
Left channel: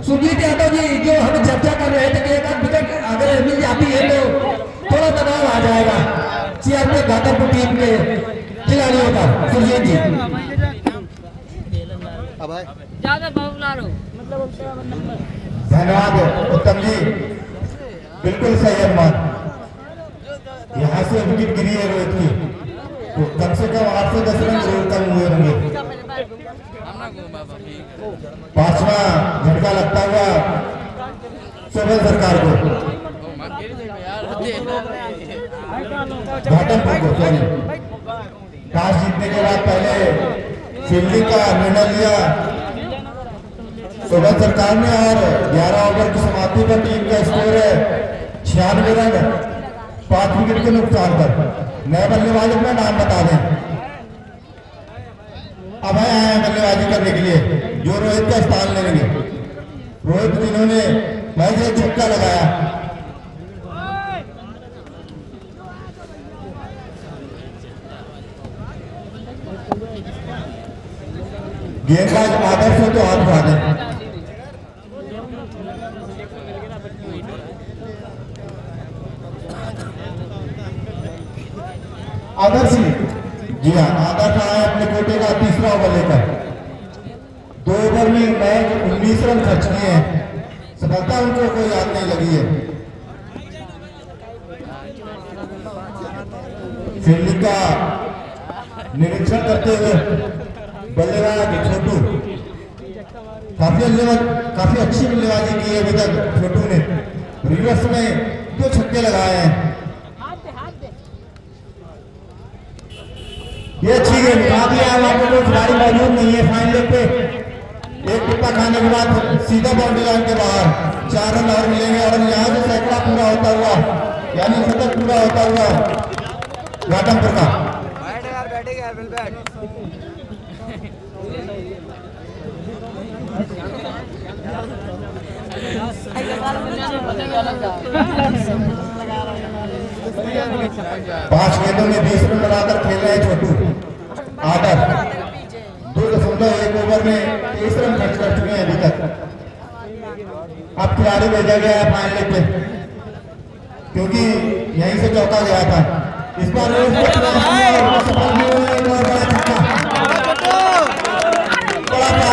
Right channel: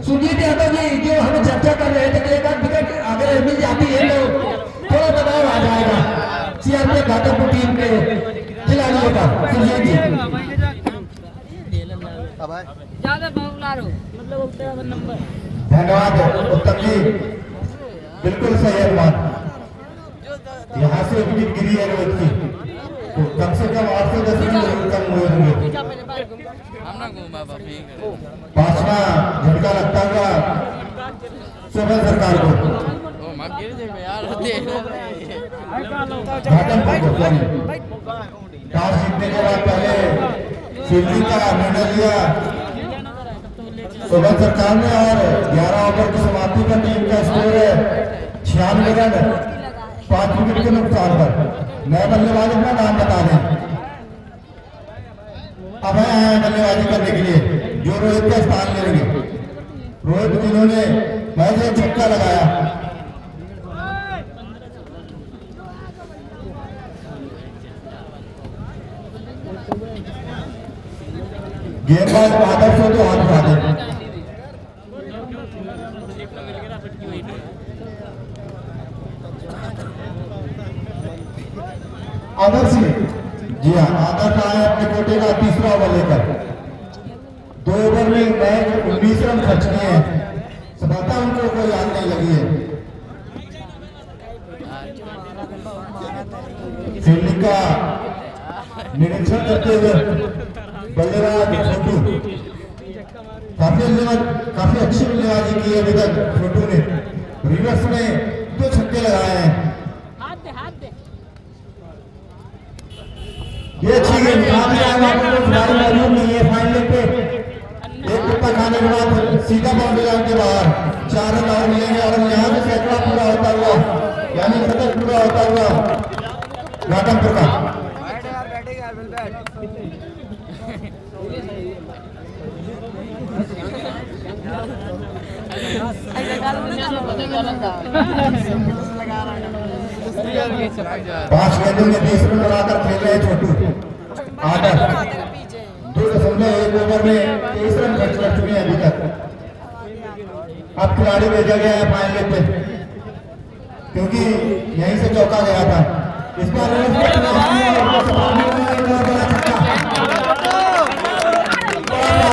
सुजीत यादव जी, जो हम चर्चा कर रहे थे कि एक आध विकेट अगर मिल जाती है तो थोड़ा दबाव आ जाएगा चेयर पे घाटमपुर टीम के खिलाड़ियों का। सुजीत जी ज्यादा भाव ला लो, मतलब धन्यवाद उत्तम जी, बिल्कुल सही अनुमान। यहाँ से विकेट गिरी है रोहित की, तो कम से कम 8 से 10 रन जरूर कम हुए होंगे। 5वां झटका लगता हुआ शोभन सरकार को, घाटमपुर को सॉरी, टॉस जीतने के बाद पहले फील्डिंग का निर्णय लिया शोभन सरकार ने, और 11 ओवर की समाप्ति पर टीम का स्कोर है 96 रन 5 विकेट के नुकसान पर। नए बल्लेबाज अपना नाम बता दें। अब है बल्लेबाजी करने के लिए जो रोहित का स्थान लेंगे। रोहित जिन्होंने महज एक छक्का लगाया, गेंदबाज आदर्श हो तो हाथ उठा दें। आदर्श जी हाँ, आदर्श आए अपने कोटे का 3रा ओवर लेकर। 2 ओवर में मैच 19 रन खर्च किए हैं, सफलता उनको कोई याद नहीं लगी है। फील्डिंग का निरीक्षण करते हुए बल्लेबाज छोटू, काफी अच्छी बल्लेबाजी की है अभी तक छोटू ने। रिवर्स में 2 छक्के लगाए हैं। ये अच्छी गेंद आगे आया, कोई खिलाड़ी मौजूद नहीं है फाइनल पे। एक टुकड़ा खाने के बाद सीधा बाउंड्री लाइन के बाहर 4 रन और मिलेंगे, और यहाँ से सैकड़ा पूरा होता हुआ, यानी शतक पूरा होता हुआ घाटमपुर का। पांच गेंदों में 20 रन बनाकर खेल रहे छोटू आदर। 2.1 ओवर में 23 रन खर्च कर चुके हैं अभी तक। अब खिलाड़ी भेजा गया है फाइनल पे, क्योंकि यहीं से चौका गया था। इस बार रोज का प्रयास किया और बड़ा छक्का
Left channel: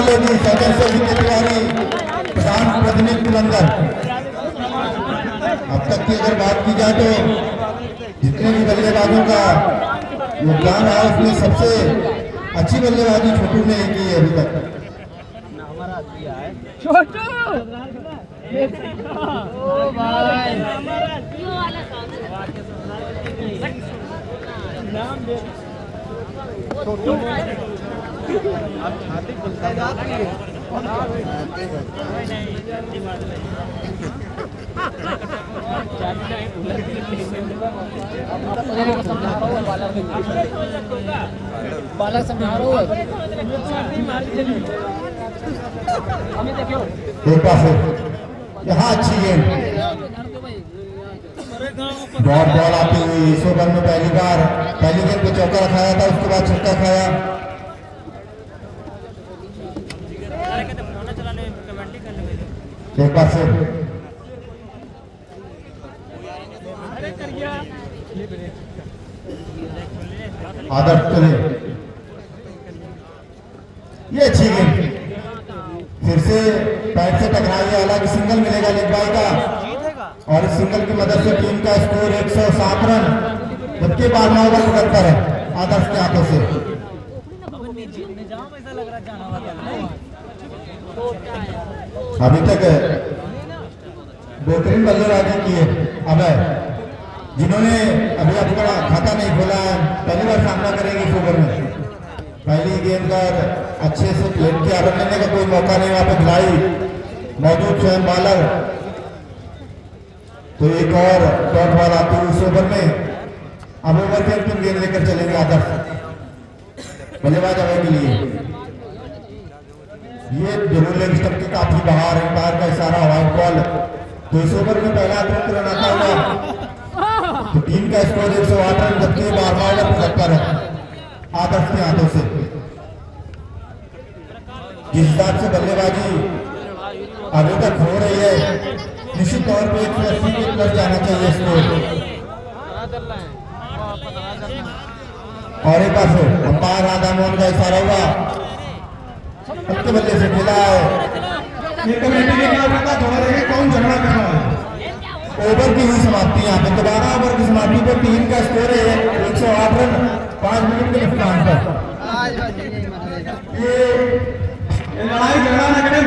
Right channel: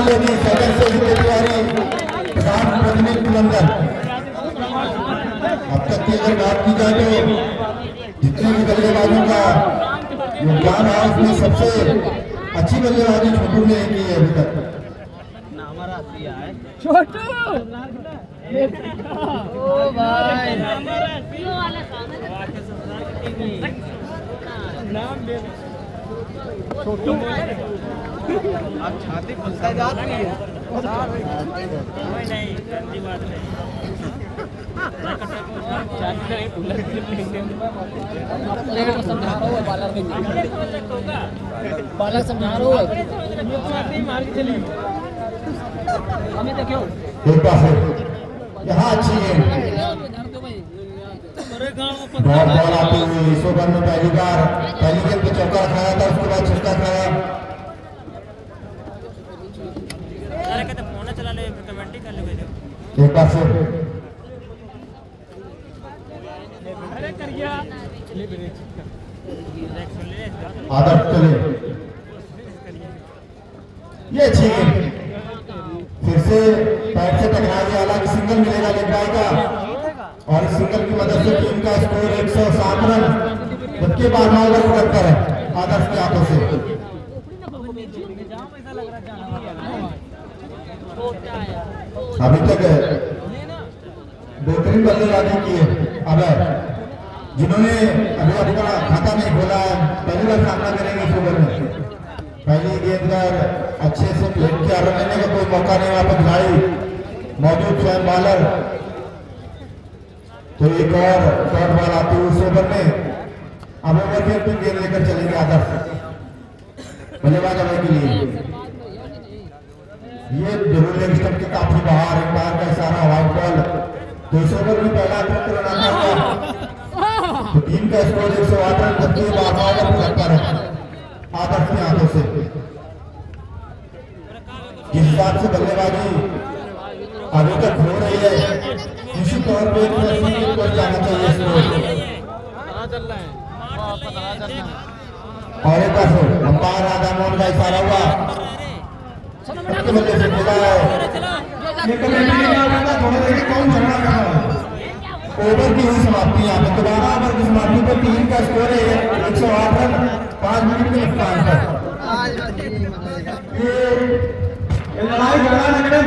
लेगी सदन से जीते तैयारी प्रधान प्रतिनिधि बुलंदर। अब तक की अगर बात की जाए तो जितने भी बल्लेबाजों का योगदान है उसमें सबसे अच्छी बल्लेबाजी छोटू ने की है अभी तक। बाला संभालो यहाँ अच्छी गेंद बॉल आती हुई इस ओवर में पहली गेंद पे चौका खाया था, उसके बाद छक्का खाया। एक बार से आदर्श चले, ये अच्छी गेंद फिर से पैर से टकराई, अलग सिंगल मिलेगा लेग बाई का, और इस सिंगल की मदद से टीम का स्कोर 107 रन, जबकि 12वां ओवर पर है आदर्श के हाथों से। अभी तक बेहतरीन बल्लेबाजी की है अभय, जिन्होंने अभी अपना खाता नहीं खोला है, पहली बार सामना करेंगे इस ओवर में। पहली गेंद पर अच्छे से खेल के आगे लेने का कोई मौका नहीं वहां पर खिलाई मौजूद स्वयं बालर। तो एक और डॉट बॉल आती है उस ओवर में। अब ओवर के टीम गेंद लेकर चलेंगे आदर्श बल्लेबाज अभय के लिए। ये जरूर लेग स्टंप के काफी बाहर अंपायर का इशारा, व्हाइट बॉल। तो इस ओवर में पहला तुरंत आता हुआ तो टीम का स्कोर 108 रन, जबकि 12वां ओवर 75 है आदर्श के हाथों से। जिस हिसाब से बल्लेबाजी अभी तक हो रही है, निश्चित तौर पर 180 के ऊपर जाना चाहिए स्कोर। और एक बार अंपायर राधा मोहन का इशारा हुआ, सबके बल्ले से खेला है। ये कमेटी ने क्या कहता थोड़ा देर कौन झगड़ा कर रहा है। ओवर की हुई समाप्ति यहाँ पे 12 ओवर की समाप्ति पर टीम का स्कोर है 108 रन 5 विकेट के नुकसान पर। ये लड़ाई झगड़ा